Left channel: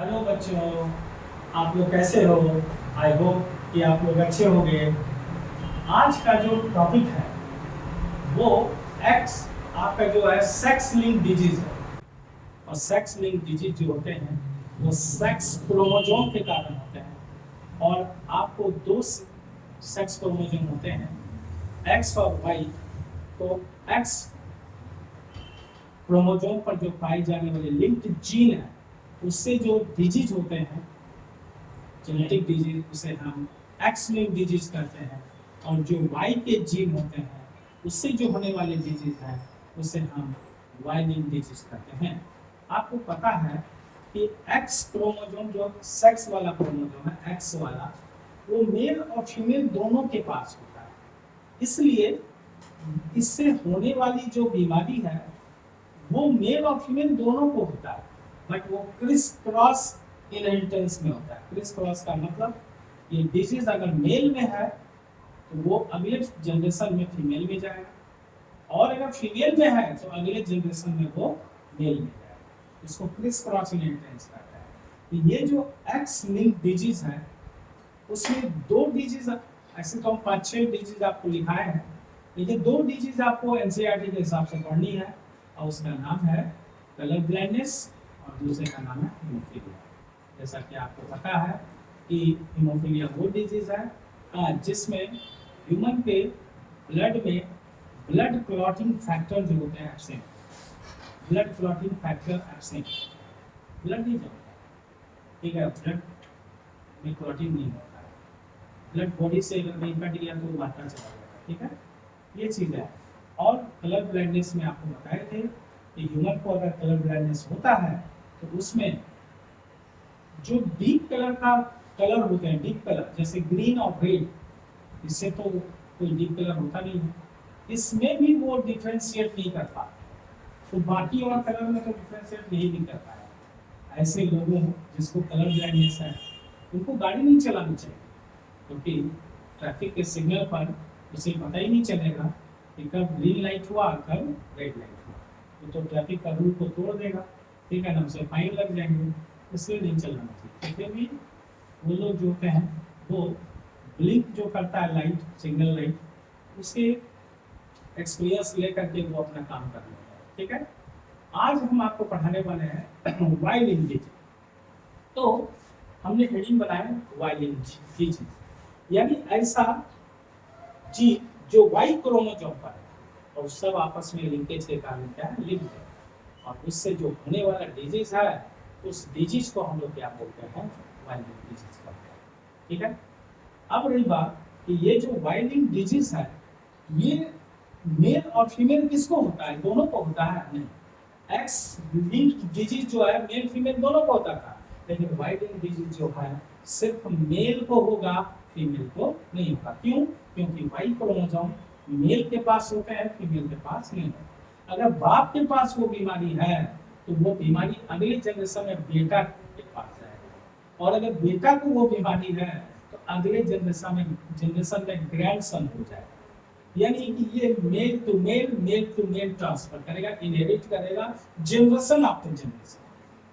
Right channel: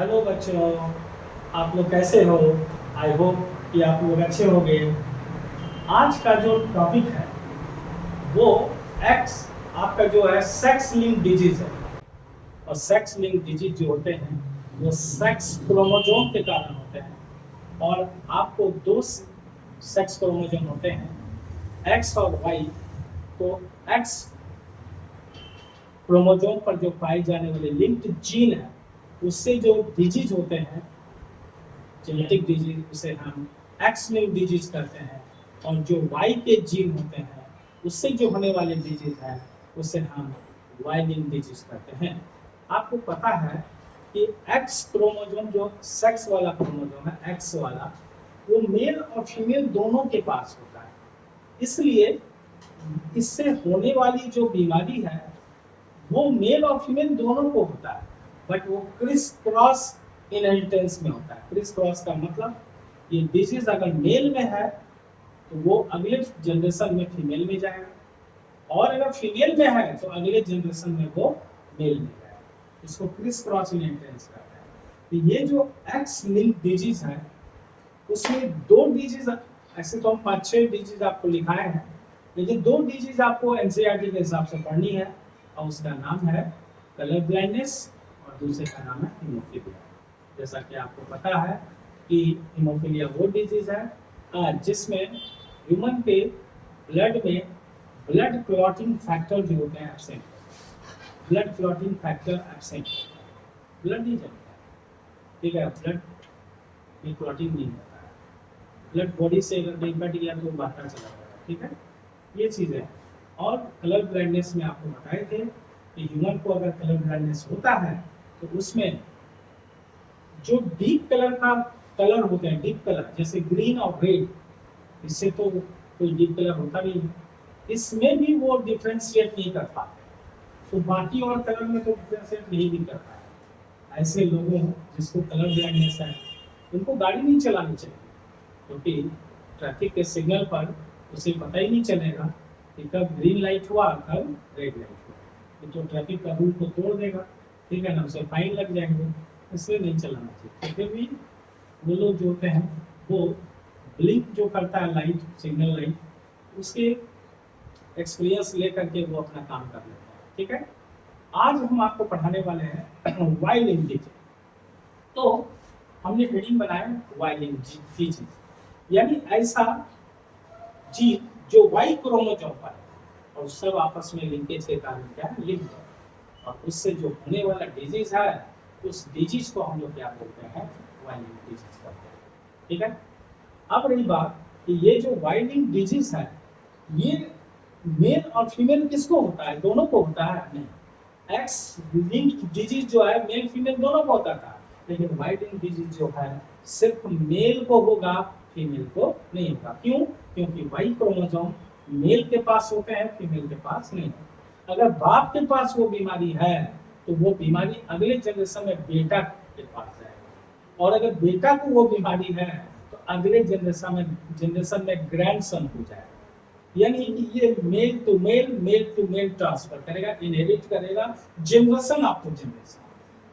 Hello बच्चों, आप लोग कैसे हो? आई होप कि आप लोग अच्छे होंगे। आज का जो टॉपिक है वो एक्स आपका जो है सेक्स लिंक डिजीज है। और सेक्स लिंक डिजीज जो होते हैं वो सेक्स क्रोमोसोम के कारण होते हैं। और आपको दो सेक्स क्रोमोसोम होते हैं, एक्स और वाई। तो एक्स क्रोमोसोम पर जो पाए जाने वाले लिंक्ड जीन है उससे जो डिजीज होते हैं, जेनेटिक डिजीज, उसे हम एक्स लिंक डिजीज कहते हैं। और जो वाई के जीन होते हैं उससे जो होने वाले डिजीज है उसे हम वाई लिंक डिजीज कहते हैं। आपको पता है कि एक्स क्रोमोसोम जो सेक्स वाला क्रोमोसोम है, एक्स वाला, वो मेल और फीमेल दोनों के पास होता है। इसलिए इससे होने वाली जो बीमारी है वो मेल और फीमेल दोनों को होता है, बट वो क्रिस क्रॉस इनहेरिटेंस में होता है। क्रिस क्रॉस का मतलब ये डिजीज अगर मेल में है तो वो अगले जनरेशन में फीमेल में जाएगा, और अगर फीमेल में है तो अगले जनरेशन में वो मेल में जाएगा। इसको क्रिस क्रॉस इनहेरिटेंस कहते हैं। तो ये जो एक्स लिंक डिजीज है उसमें दो डिजीज, ऐसे तो हम 5-6 डिजीज आपको लिखाए हैं, लेकिन दो डिजीज आपको एनसीईआरटी के हिसाब से पढ़नी है। और उसका नाम है कलर ब्लाइंडनेस और दूसरे का नाम है हीमोफीलिया। जैसा कि आपको पता है कि हीमोफीलिया वो डिजीज है जिसमें ह्यूमन के ब्लड में ब्लड क्लॉटिंग फैक्टर जो होते हैं absent, blood clotting factor absent, blood नहीं जमता, ठीक है, ब्लड में क्लॉटिंग नहीं होता है, ब्लड बॉडी से अगर नहीं कट गया तो बाहर चला जाएगा, ठीक है, ये चीज़ है। और कलर ब्लाइंडनेस में आपको बताए थे कि ह्यूमन को अगर कलर ब्लाइंडनेस होता है तो उसमें जो डीप कलर का कलर होते हैं, डीप कलर जैसे ग्रीन और रेड, इससे तो कोई डीप कलर होता नहीं है, इसमें भी वो डिफ्रेंशिएट नहीं कर पाते। तो बाकी और कलर में तो डिफ्रेंशिएट नहीं भी कर पाए। ऐसे लोगों जिसको कलर ब्लाइंडनेस है उनको गाड़ी नहीं चलानी चाहिए, क्योंकि ट्रैफिक के सिग्नल पर उसे पता ही नहीं चलेगा कि कब ग्रीन लाइट हुआ कब रेड लाइट हुआ। तो ट्रैफिक का रूल को तोड़ देगा, ठीक है ना, उसे फाइन लग जाएंगे, इसलिए नहीं चलाना चाहिए। फिर भी वो लोग जो होते हैं वो ब्लिंक जो करता है लाइट, सिग्नल लाइट, उसके एक्सपीरियंस लेकर के वो अपना काम कर लेते हैं, ठीक है। आज हम आपको पढ़ाने वाले हैं वाई लिंक डिजीज। तो हमने हेडिंग बनाया वाई लिंक डिजीज, यानी ऐसा जीन जो वाई क्रोमोसोम पर है और सब आपस में लिंकेज के कारण क्या है, लिंक है, और उससे जो होने वाला डिजीज है उस डिजीज को हम लोग क्या बोलते हैं, वाई लिंक डिजीज करते हैं, ठीक है। अब रही बात कि ये जो वाई लिंक डिजीज है ये मेल और फीमेल किसको होता है, दोनों को होता है? नहीं, एक्स लिंक डिजीज जो है मेल फीमेल दोनों को होता था, लेकिन वाई लिंक डिजीज जो है सिर्फ मेल को होगा, फीमेल को नहीं होगा। क्यों? क्योंकि वाई क्रोमोसोम मेल के पास होते हैं, फीमेल के पास नहीं। अगर बाप के पास वो बीमारी है तो वो बीमारी अगले जनरेशन में बेटा के पास जाएगी, और अगर बेटा को वो बीमारी है तो अगले जनरेशन में ग्रैंडसन हो जाएगा। यानी कि ये मेल टू मेल ट्रांसफर करेगा, इनहेरिट करेगा जनरेशन आफ्टर जनरेशन।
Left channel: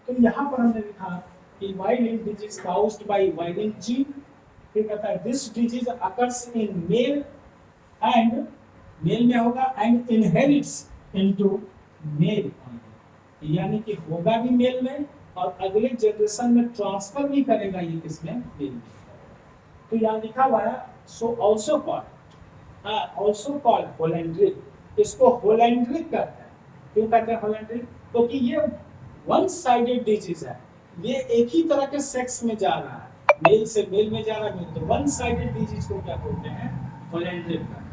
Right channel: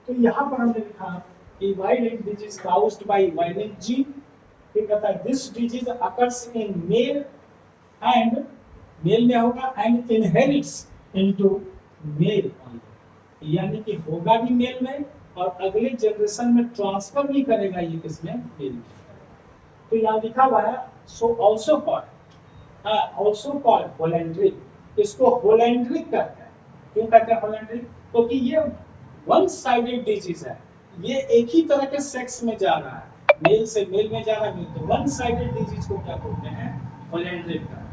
तो यहाँ पर हमने लिखा कि Y link disease caused by Y link gene, फिर कहता है this disease occurs in male and, male में होगा, एंड इनहेरिट्स इनटू मेल, यानी कि होगा भी मेल में और अगले जनरेशन में ट्रांसफर भी करेगा ये किसमें, मेल में। तो यहाँ लिखा हुआ है सो आल्सो कॉल्ड होलैंड्रिक, इसको होलैंड्रिक कहते हैं। क्यों कहते हैं होलैंड्रिक? क्योंकि ये वन साइडेड डिजीज है, ये एक ही तरह के सेक्स में जा रहा है, मेल से मेल में जा रहा है, तो वन साइडेड डिजीज को क्या बोलते हैं, होलैंड्रिक कहते हैं।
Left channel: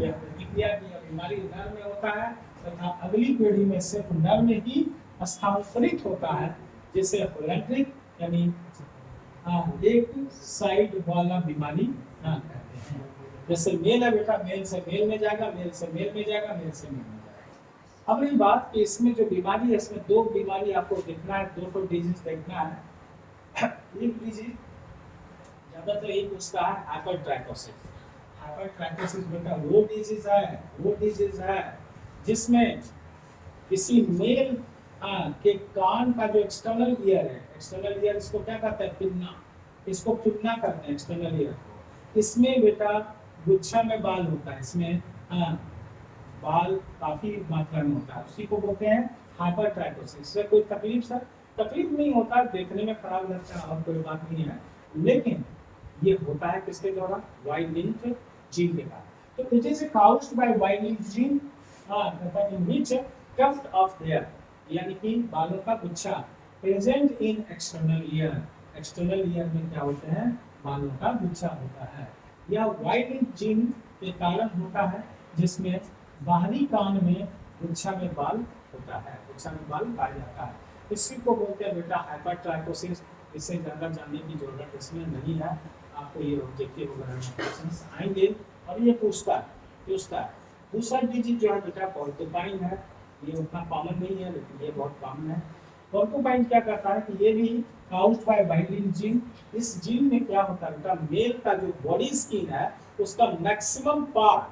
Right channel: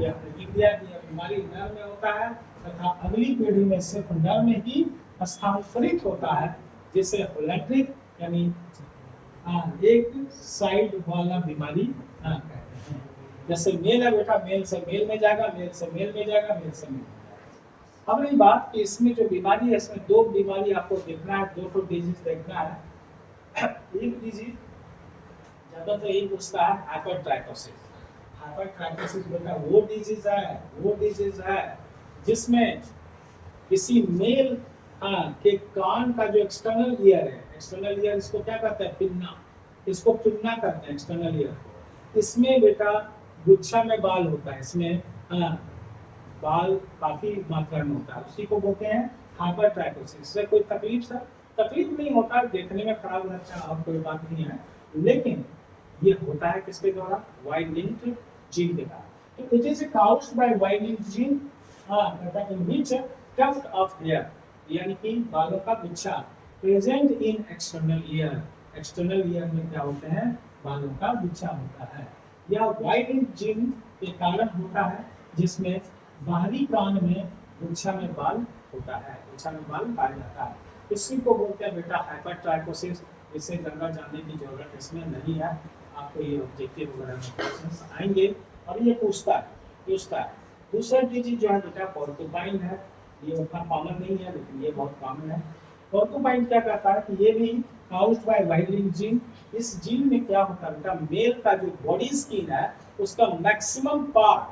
ये हमने लिख दिया कि ये बीमारी नर में होता है तथा अगली पीढ़ी में सिर्फ नर में ही स्थानांतरित होता है, जिसे होलैंड्रिक यानी एक साइड वाला बीमारी कहते हैं। जैसे मेल है बेटा, मेल से मेल में जाएगा, मेल से मेल में जाएगा, मेल से मेल में जाएगा। अब ये बात कि इसमें जो बीमारी है इसमें दो बीमारी आपको देखना है, दो डिजीज देखना है। एक डिजीज ज्यादातर यही पूछता है, हाइपरट्राइकोसिस। हाइपरट्राइकोसिस बेटा वो डिजीज है जिसमें किसी मेल हाँ कि कान का जो एक्सटर्नल ईयर है, एक्सटर्नल ईयर इसको क्या कहते हैं, पिन्ना, इसको पिन्ना कहते हैं एक्सटर्नल ईयर को। इसमें बेटा गुच्छा में बाल होता है, इसमें हाँ बाल काफी मात्रा में होता है, उसी को बोलते हैं हाइपरट्राइकोसिस। इससे कोई तकलीफ सर, तकलीफ नहीं होता, देखने में खराब लगता है और कोई बात नहीं है, लेकिन ये होता है किसके द्वारा, वाई लिंक्ड जीन के कारण। तो it is caused by Y linked gene, कहता है in which tuft of hair, यानी कि बालों का गुच्छा present in external ear, external ear में क्या होते हैं, बालों का गुच्छा होता है, या वाई लिंक्ड जीन के कारण होता है, जिसमें बाहरी कान में गुच्छा में बाल होता है, गुच्छा में बाल पाया जाता है। इसी को बोलते हैं बेटा हाइपरट्राइकोसिस। इससे ज़्यादा जानने की जरूरत इसमें नहीं है, आपको ये ऑब्जेक्टिव वगैरह में क्वेश्चंस आएंगे और ये पूछता है। दूसरा डिजीज जो है बेटा पोर्कुपाइन है, ये उतना कॉमन नहीं है लेकिन ये बहुत कॉमन है। पोर्कुपाइन क्या करता है कि ये भी काउस्ड बाय वाइलिन जीन। इस जीन में क्या होता है बेटा, मेल का जो बॉडी स्किन है उसका मैक्सिमम पार्ट,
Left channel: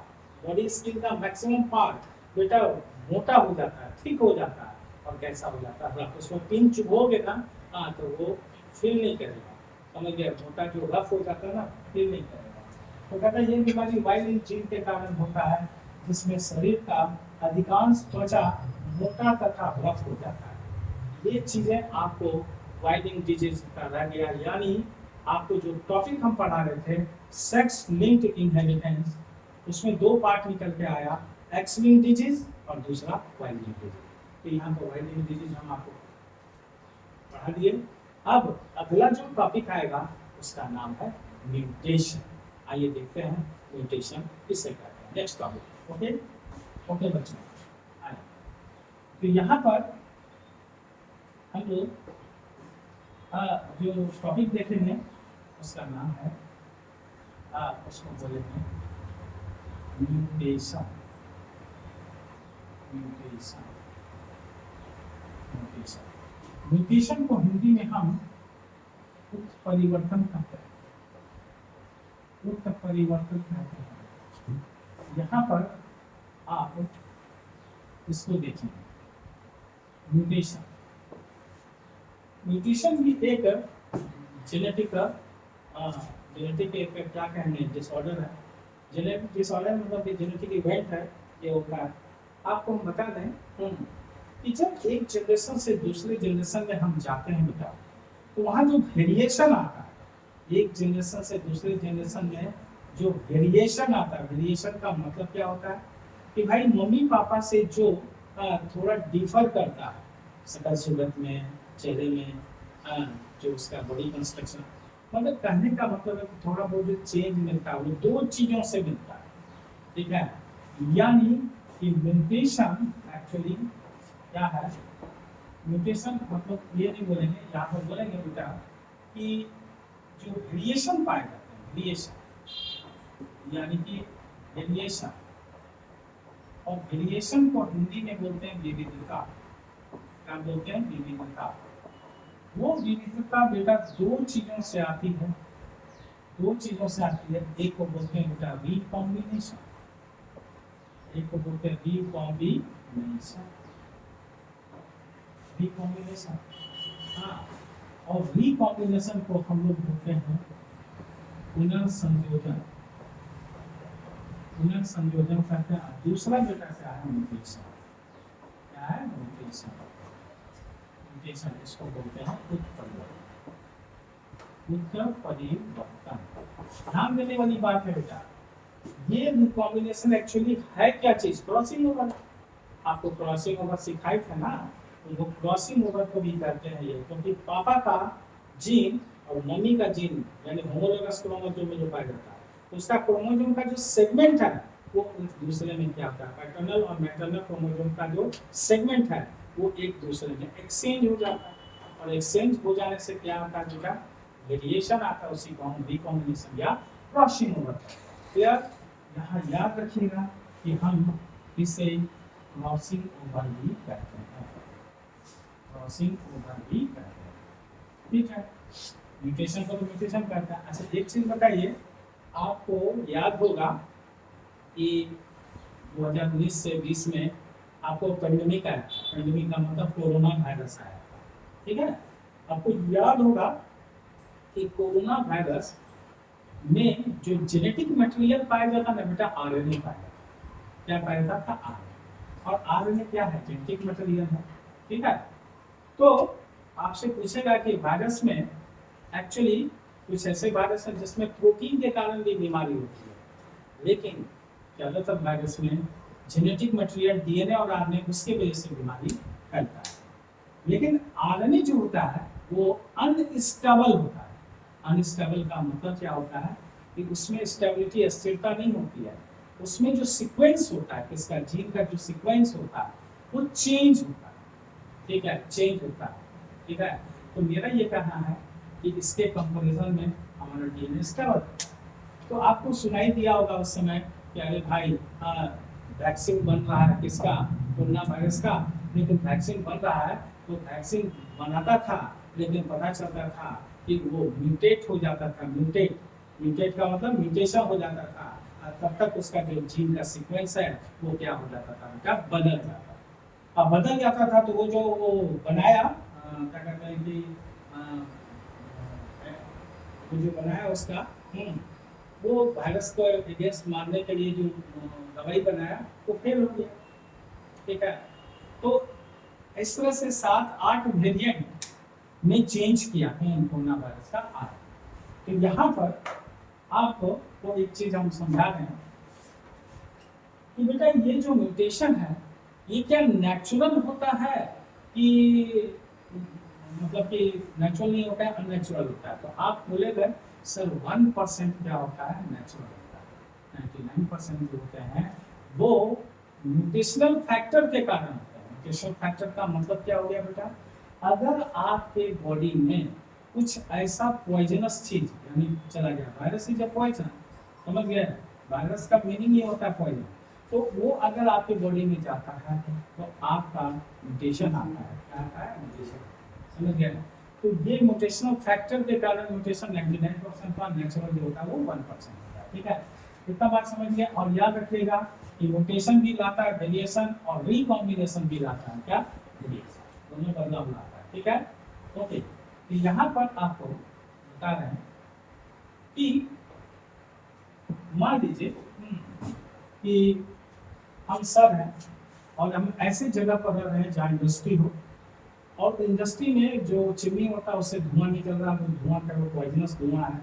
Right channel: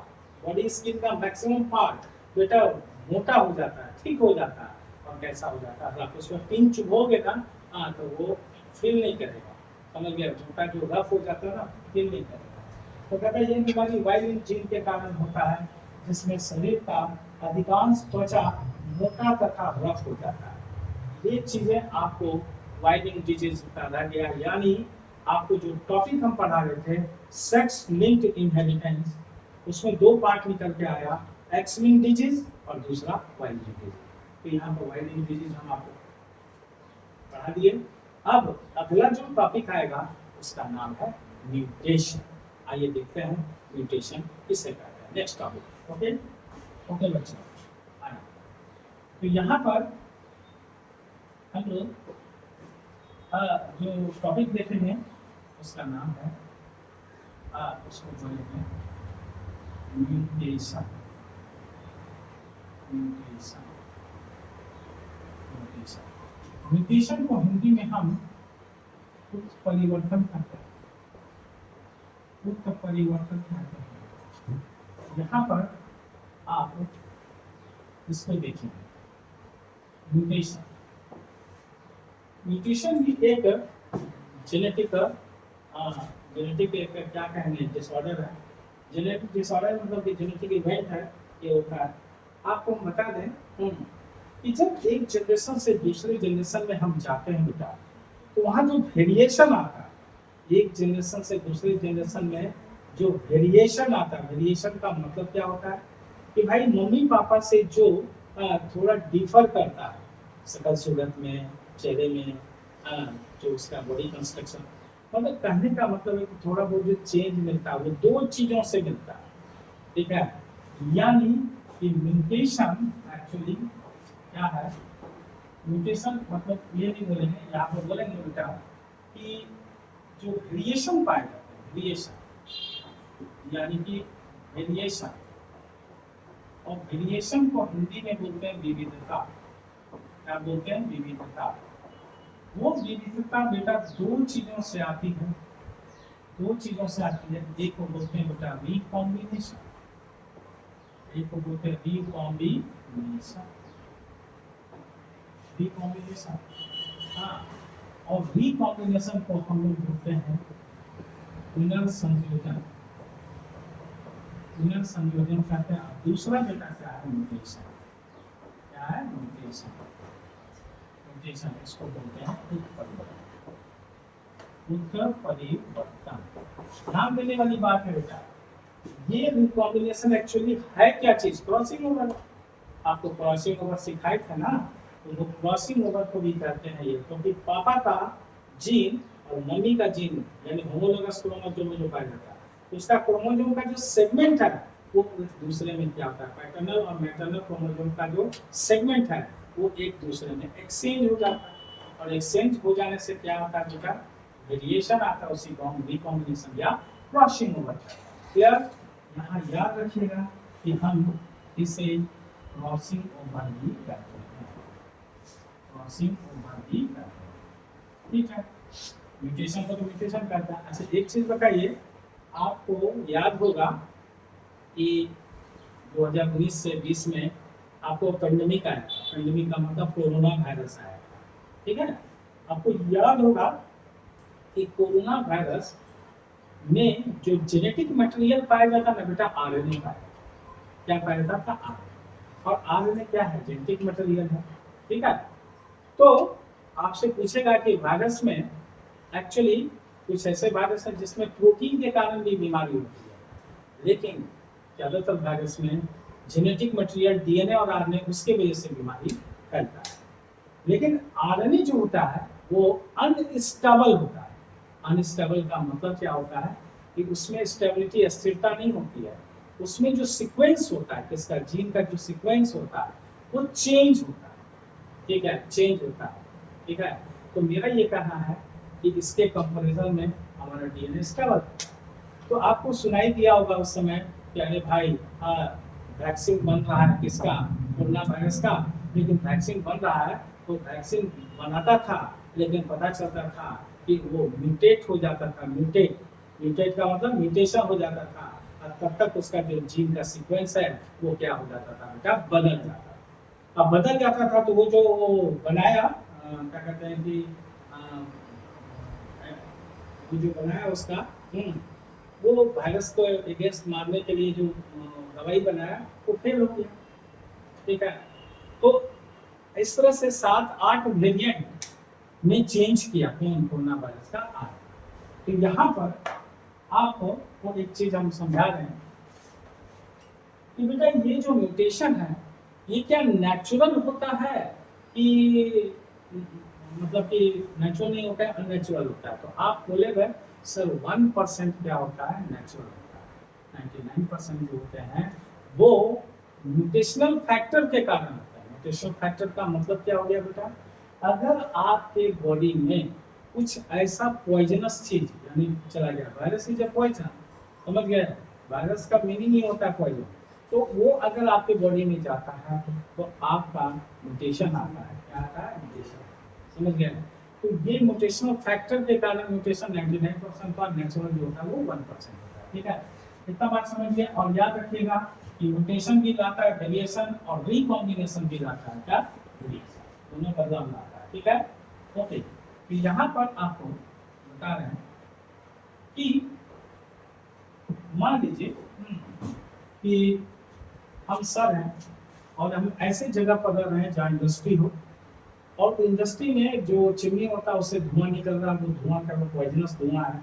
बॉडी स्किन का मैक्सिमम पार्ट बेटा मोटा हो जाता है, ठीक हो जाता है, और कैसा हो जाता है, आप उसमें पिन चुभोगे ना, हाँ तो वो फील नहीं करेगा, समझ गया, मोटा जो रफ हो जाता है ना, फील नहीं करेगा। तो कहता है ये बीमारी वाइलिन जीन के कारण होता है, जिसमें शरीर का अधिकांश त्वचा मोटा तथा रफ हो जाता है। ये चीजें आपको वाइलिन डिजीज का रह गया, यानी आपको जो टॉपिक हम पढ़ा रहे थे सेक्स लिंक्ड इनहेरिटेंस, उसमें दो पार्ट निकल के आया, एक्स लिंक्ड डिजीज और दूसरा वाई लिंक्ड डिजीज। तो यहाँ पर वाई लिंक्ड डिजीज हम आपको पढ़ा दिए। अब अगला जो टॉपिक आएगा उसका नाम है म्यूटेशन। आइए देखते हैं म्यूटेशन किससे कहते हैं, नेक्स्ट टॉपिक। ओके ओके बच्चों, आइए तो यहाँ पर हम लोग जो टॉपिक देखेंगे उसका नाम है उसको बोलेंगे म्यूटेशन। म्यूटेशन म्यूटेशन म्यूटेशन को हिंदी में हम उत्परिवर्तन कहते हैं, उत्परिवर्तन कहते हैं। यहाँ पर आप इसको देखिए, म्यूटेशन, म्यूटेशन भी एक जेनेटिक जेनेटिक एक क्या कहेंगे डिसऑर्डर है। जेनेटिक डिसऑर्डर मतलब कि जेनेटिक इवेंट है, ये होता है। आपको बता दें कि जब एक जनरेशन से दूसरे जनरेशन में हम जाते हैं बेटा, तो वहाँ जो वेरिएशन आता है, एक जनरेशन से दूसरे जनरेशन में जो वेरिएशन आता है, वेरिएशन का मतलब क्या होता है कि भाई मम्मी पापा से जो थोड़ा डिफर करता है शकल सूरत में, चेहरे में, जो उसका बॉडी कंस्ट्रक्शन, मतलब कहने का मतलब है कि थोड़ा बहुत जो चेंज मिलता है वो दो चीजों से मिलता है, ठीक है। यानी कि म्यूटेशन एक्चुअली क्या है, म्यूटेशन मतलब ये नहीं बोलेंगे, यहाँ पर बोलेंगे बेटा कि जो वेरिएशन पाए जाते हैं, वेरिएशन यानी कि वेरिएशन, और वेरिएशन को हिंदी में बोलते हैं विविधता। क्या बोलते हैं, विविधता। वो विविधता बेटा दो चीजों से आती है, दो चीजों से आती है। एक को बोलते हैं बेटा रिकॉम्बिनेशन, एक को बोलते हैं रिकॉम्बिनेशन, रिकॉम्बिनेशन, हाँ। और रिकॉम्बिनेशन को हम लोग बोलते हैं पुनर्संयोजन, पुनर्संयोजन कहते हैं। दूसरा बेटा क्या है, म्यूटेशन। क्या है, म्यूटेशन। म्यूटेशन इसको बोलते हैं उत्परिवर्तन, उत्परिवर्तन। ध्यान देने वाली बात है बेटा, ये रिकॉम्बिनेशन एक्चुअली है क्या चीज, क्रॉसिंग ओवर। आपको क्रॉसिंग ओवर सिखाया था ना, तो वो क्रॉसिंग ओवर को भी कहते हैं ये, क्योंकि पापा का जीन और मम्मी का जीन यानी होमोलोगस क्रोमोसोम में जो पाया जाता है, उसका क्रोमोसोम का जो सेगमेंट है वो दूसरे में क्या होता है, पैटर्नल और मैटरनल क्रोमोसोम का जो सेगमेंट है वो एक दूसरे में एक्सचेंज हो जाता है, और एक्सचेंज हो जाने से क्या होता है बेटा, वेरिएशन आता है, उसी को हम रिकॉम्बिनेशन या क्रॉसिंग ओवर। क्लियर। यहाँ याद रखिएगा कि हम इसे क्रॉसिंग ओवर भी कहते हैं, क्रॉसिंग ओवर भी कहते हैं, ठीक है। म्यूटेशन को तो म्यूटेशन कहता है। अच्छा एक चीज बताइए, आपको याद होगा कि 2019 से 20 में आपको पेंडेमिक आया, पेंडेमिक का मतलब कोरोना वायरस आया, ठीक है। आपको याद होगा कि कोरोना वायरस में जो जेनेटिक मटेरियल पाया जाता ना बेटा, आरएनए पाया जाता। क्या पाया जाता? आरएनए। और आरएनए क्या है? जेनेटिक मटेरियल है, ठीक है। तो आपसे पूछेगा कि वायरस में एक्चुअली कुछ ऐसे वायरस है जिसमें प्रोटीन के कारण भी बीमारी होती है, लेकिन ज्यादातर वायरस में जेनेटिक मटेरियल डीएनए और आरएनए उसके वजह से बीमारी फैलता है। लेकिन आरएनए जो होता है वो अनस्टेबल होता है। अनस्टेबल का मतलब क्या होता है कि उसमें स्टेबिलिटी, स्थिरता नहीं होती है। उसमें जो सीक्वेंस होता है, किसका? जीन का जो सीक्वेंस होता है वो चेंज होता है, ठीक है, चेंज होता है, ठीक है। तो मेरा ये कहना है कि इसके कंपैरिजन में हमारा डीएनए स्टेबल होता है। तो आपको सुनाई दिया होगा उस समय कि अरे भाई वैक्सीन बन रहा है किसका? कोरोना वायरस का। लेकिन वैक्सीन बन रहा है तो वैक्सीन बनाता था, लेकिन पता चलता था कि वो म्यूटेट हो जाता था। म्यूटेट, म्यूटेट का मतलब म्यूटेशन हो जाता था, और तब तक उसका जो जीन का सीक्वेंस है वो क्या हो जाता था बेटा? बदल जाता था। अब बदल जाता था तो वो जो बनाया क्या कहते हैं कि वो जो बनाया उसका वो वायरस को अगेंस्ट मारने के लिए जो दवाई बनाया वो फेल हो गया, ठीक है। तो इस तरह से 7-8 वेरिएंट में चेंज किया कोरोना वायरस का आर। तो यहाँ पर आपको वो एक चीज हम समझा रहे हैं कि बेटा ये जो म्यूटेशन है ये क्या नेचुरल होता है कि मतलब कि नेचुरल नहीं होता है, अननेचुरल होता है? तो आप बोलेगा सर 1% क्या होता है? नेचुरल होता है। 99% जो होते हैं वो म्यूटेशनल फैक्टर के कारण होता है। म्यूटेशनल फैक्टर का मतलब क्या हो गया बेटा? अगर आपके बॉडी में कुछ ऐसा पॉइजनस चीज यानी चला गया, वायरस इज अ पॉइजन, समझ गए? वायरस का मीनिंग ही होता है पॉइजन। तो वो अगर आपके बॉडी में जाता है तो आपका म्यूटेशन आता है। क्या आता है? म्यूटेशन, समझ गए? तो ये म्यूटेशनल फैक्टर के कारण म्यूटेशन 99% का, नेचुरल जो होता है वो 1% होता है, ठीक है। इतना बात समझ गए। और याद रखिएगा कि म्यूटेशन भी लाता है वेरिएशन, और रिकॉम्बिनेशन भी लाता है क्या? वेरिएशन, दोनों बदलाव लाता है, ठीक है। ओके, तो यहाँ पर आपको बता रहे हैं कि मान लीजिए कि हम सर हैं और हम ऐसे जगह पर रह रहे हैं जहाँ इंडस्ट्री हो, और इंडस्ट्री में जो चिमनी होता है उससे धुआं निकल रहा है, वो धुआं का वो पॉइजनस धुआं है,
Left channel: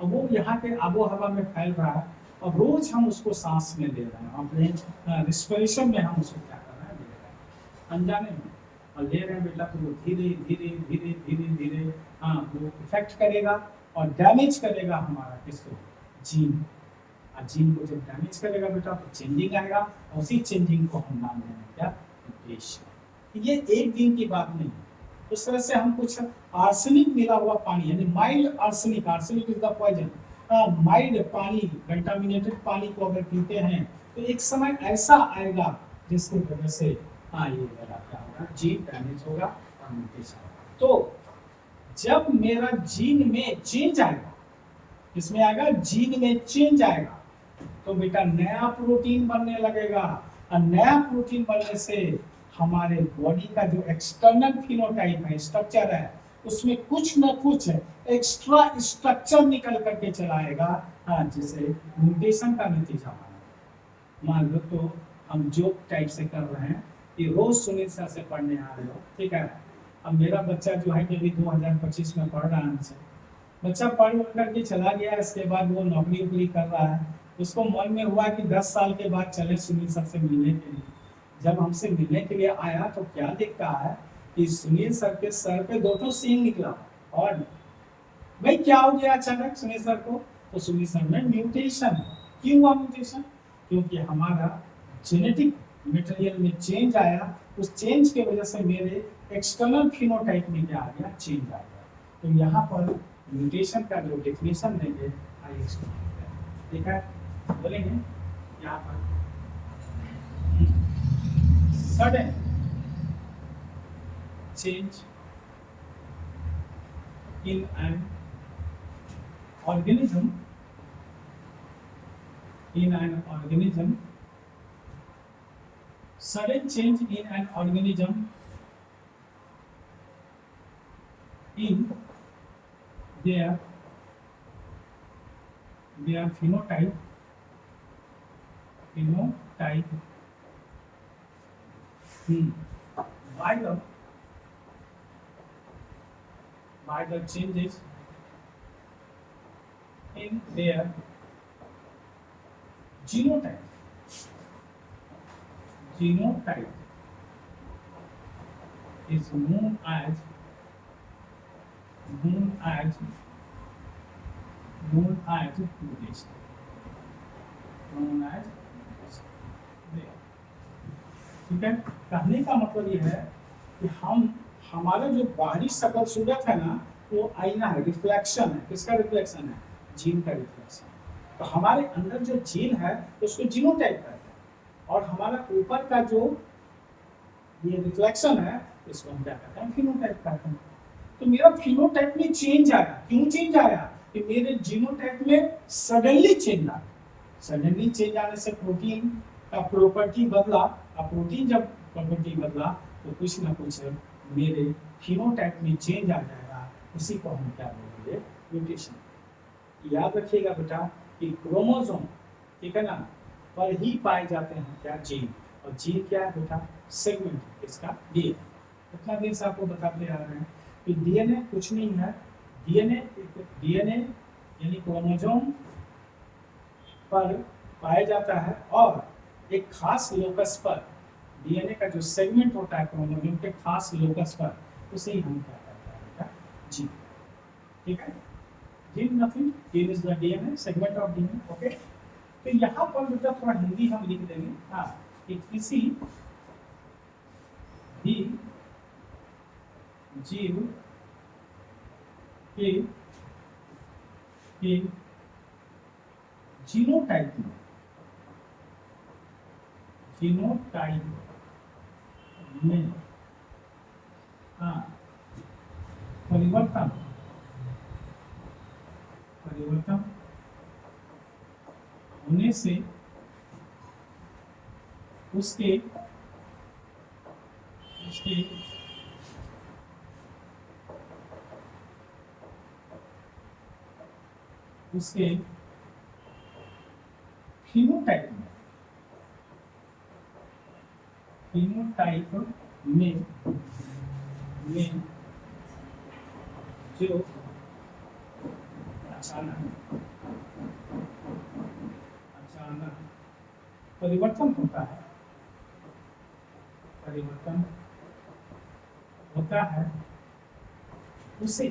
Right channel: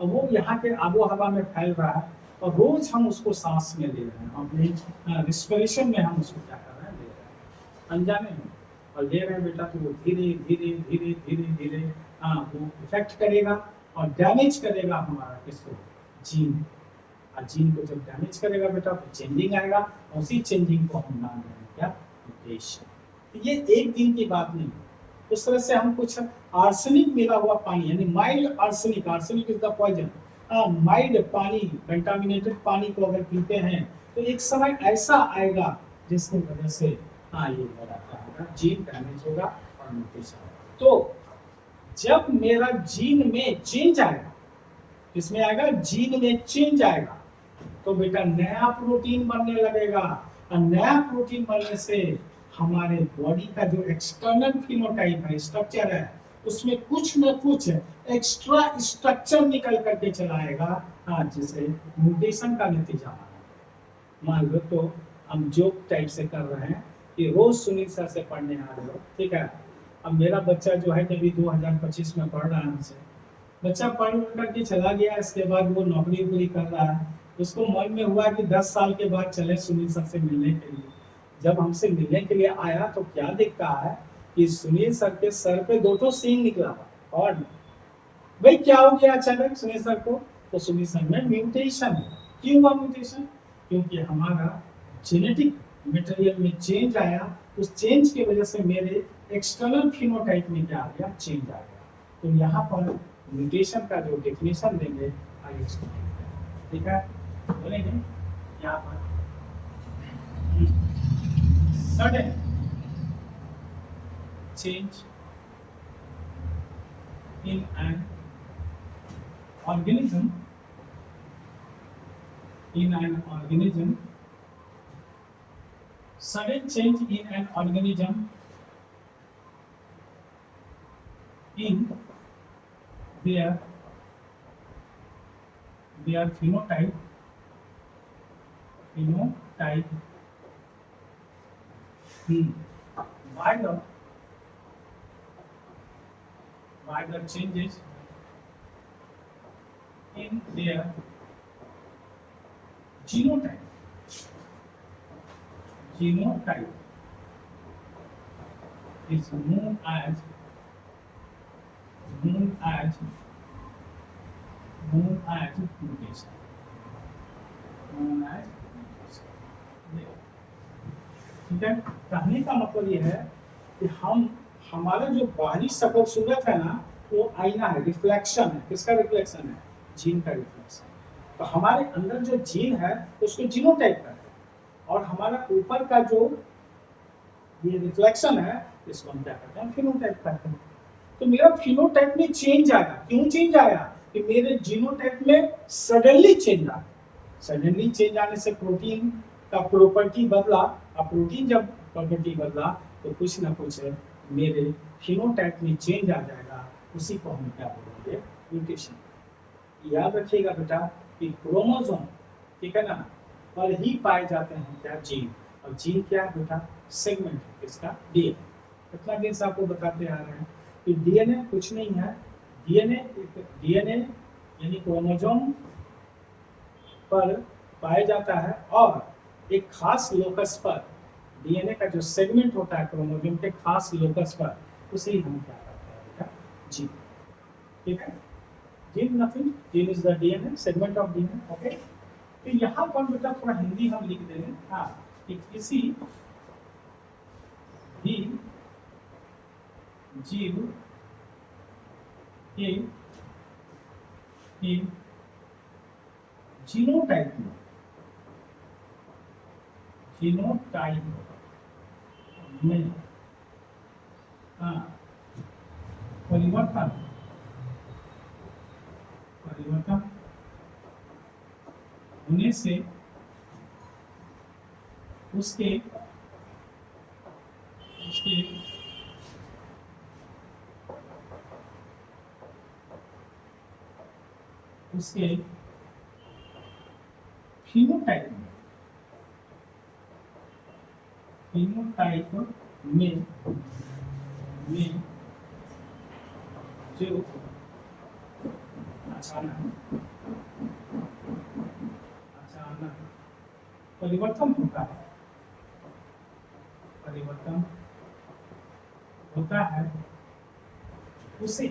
और वो यहाँ के आबो हवा में फैल रहा है, और रोज हम उसको सांस में ले रहे हैं, अपने रिस्पिरेशन में हम उसको क्या कर रहे हैं? ले रहे हैं अनजाने में, और ले रहे हैं बेटा। तो वो धीरे धीरे धीरे धीरे धीरे वो इफेक्ट करेगा और डैमेज करेगा हमारा किसको? जीन। जीन को जब डैमेज करेगा बेटा तो चेंजिंग आएगा, और उसी चेंजिंग को हम नाम देंगे क्या? म्यूटेशन। ये एक दिन की बात नहीं है। उस तरह से हम कुछ आर्सेनिक मिला हुआ पानी, यानी mild arsenic, arsenic is the poison, mild पानी, कंटामिनेटेड पानी को अगर पीते हैं तो एक समय ऐसा आएगा जिसकी वजह से ये क्या होगा? जीन डैमेज होगा और म्यूटेशन होगा। तो जब मेरा जीन में चेंज आएगा, इसमें आएगा जीन में चेंज आएगा, तो बेटा नया प्रोटीन बनने लगेगा, और नया प्रोटीन बनने से हमारे बॉडी का जो एक्सटर्नल फिनोटाइप है, स्ट्रक्चर है, उसमें कुछ न कुछ एक्स्ट्रा स्ट्रक्चर निकल करके चला आएगा, जिसे म्यूटेशन का नतीजा माना। मान लो तो हम जोक टाइप से कर रहे हैं कि रोज सुनील सर से पढ़ने आ रहे हो, ठीक है। अब मेरा बच्चा जो है कि अभी 2025 में पढ़ रहा है हमसे, बच्चा पढ़ करके चला गया, इसके बाद वो नौकरी वोकरी कर रहा है, उसको मन में हुआ कि 10 साल के बाद चले सुनील सर से मिलने के लिए। जब हमसे मिलने के लिए आया तो क्या देखता है कि सुनील सर के सर पे 2 सींग निकला। और भाई क्या हो गया अचानक सुनील सर को? तो सुनील सर में म्यूटेशन। क्यों हुआ म्यूटेशन? क्योंकि हमारा जेनेटिक मटेरियल में चेंज आया, उस चेंज की वजह से मेरे एक्सटर्नल फिनोटाइप में क्या आ गया? चेंज आ गया। तो यहाँ पर म्यूटेशन का जो डेफिनेशन देंगे आइए इसको, ठीक है, बोलेंगे यहाँ पर sudden change in an organism sudden change in an organism in their phenotype hmm, by the changes in their genotype is known as mutation. ठीक है, कहने का मतलब यह है कि हमारा जो बाहरी शकल सूरत है ना, वो आईना है, रिफ्लेक्शन है। किसका रिफ्लेक्शन है? जीन का रिफ्लेक्शन। तो हमारे अंदर जो जीन है उसको जीनोटाइप कहते हैं, और हमारा ऊपर का जो ये रिफ्लेक्शन है इसको हम क्या कहते हैं? फिनोटाइप कहते हैं। तो मेरा फिनोटाइप में चेंज आया। क्यों चेंज आया? कि मेरे जीनोटाइप में सडनली चेंज आया। सडनली चेंज आने से प्रोटीन का प्रॉपर्टी बदला। अब प्रोटीन जब प्रॉपर्टी बदला तो कुछ ना कुछ मेरे फिनोटाइप में चेंज आ जाएगा। उसी को हम क्या बोलेंगे? म्यूटेशन। याद रखिएगा बेटा कि क्रोमोसोम, ठीक है ना, पर ही पाए जाते हैं क्या? जीन। और जीन क्या है बेटा? सेगमेंट इसका डीएनए। इतना दिन से आपको बताते आ रहे हैं कि डीएनए कुछ नहीं है। डीएनए यानी क्रोमोसोम पर पाया जाता है, और एक खास लोकस पर डीएनए का जो सेगमेंट होता है क्रोमोसोम के खास लोकस पर, उसे हम क्या कहते हैं बेटा? जीन। ठीक है, gene nothing, gene is the DNA segment of DNA. Okay, तो यहाँ पर बेटा थोड़ा हिंदी हम लिख देंगे। हाँ, कि किसी भी जीव के जीनोटाइप में परिवर्तन होने से उसके फिनोटाइप में जो अचानक परिवर्तन होता है, उसे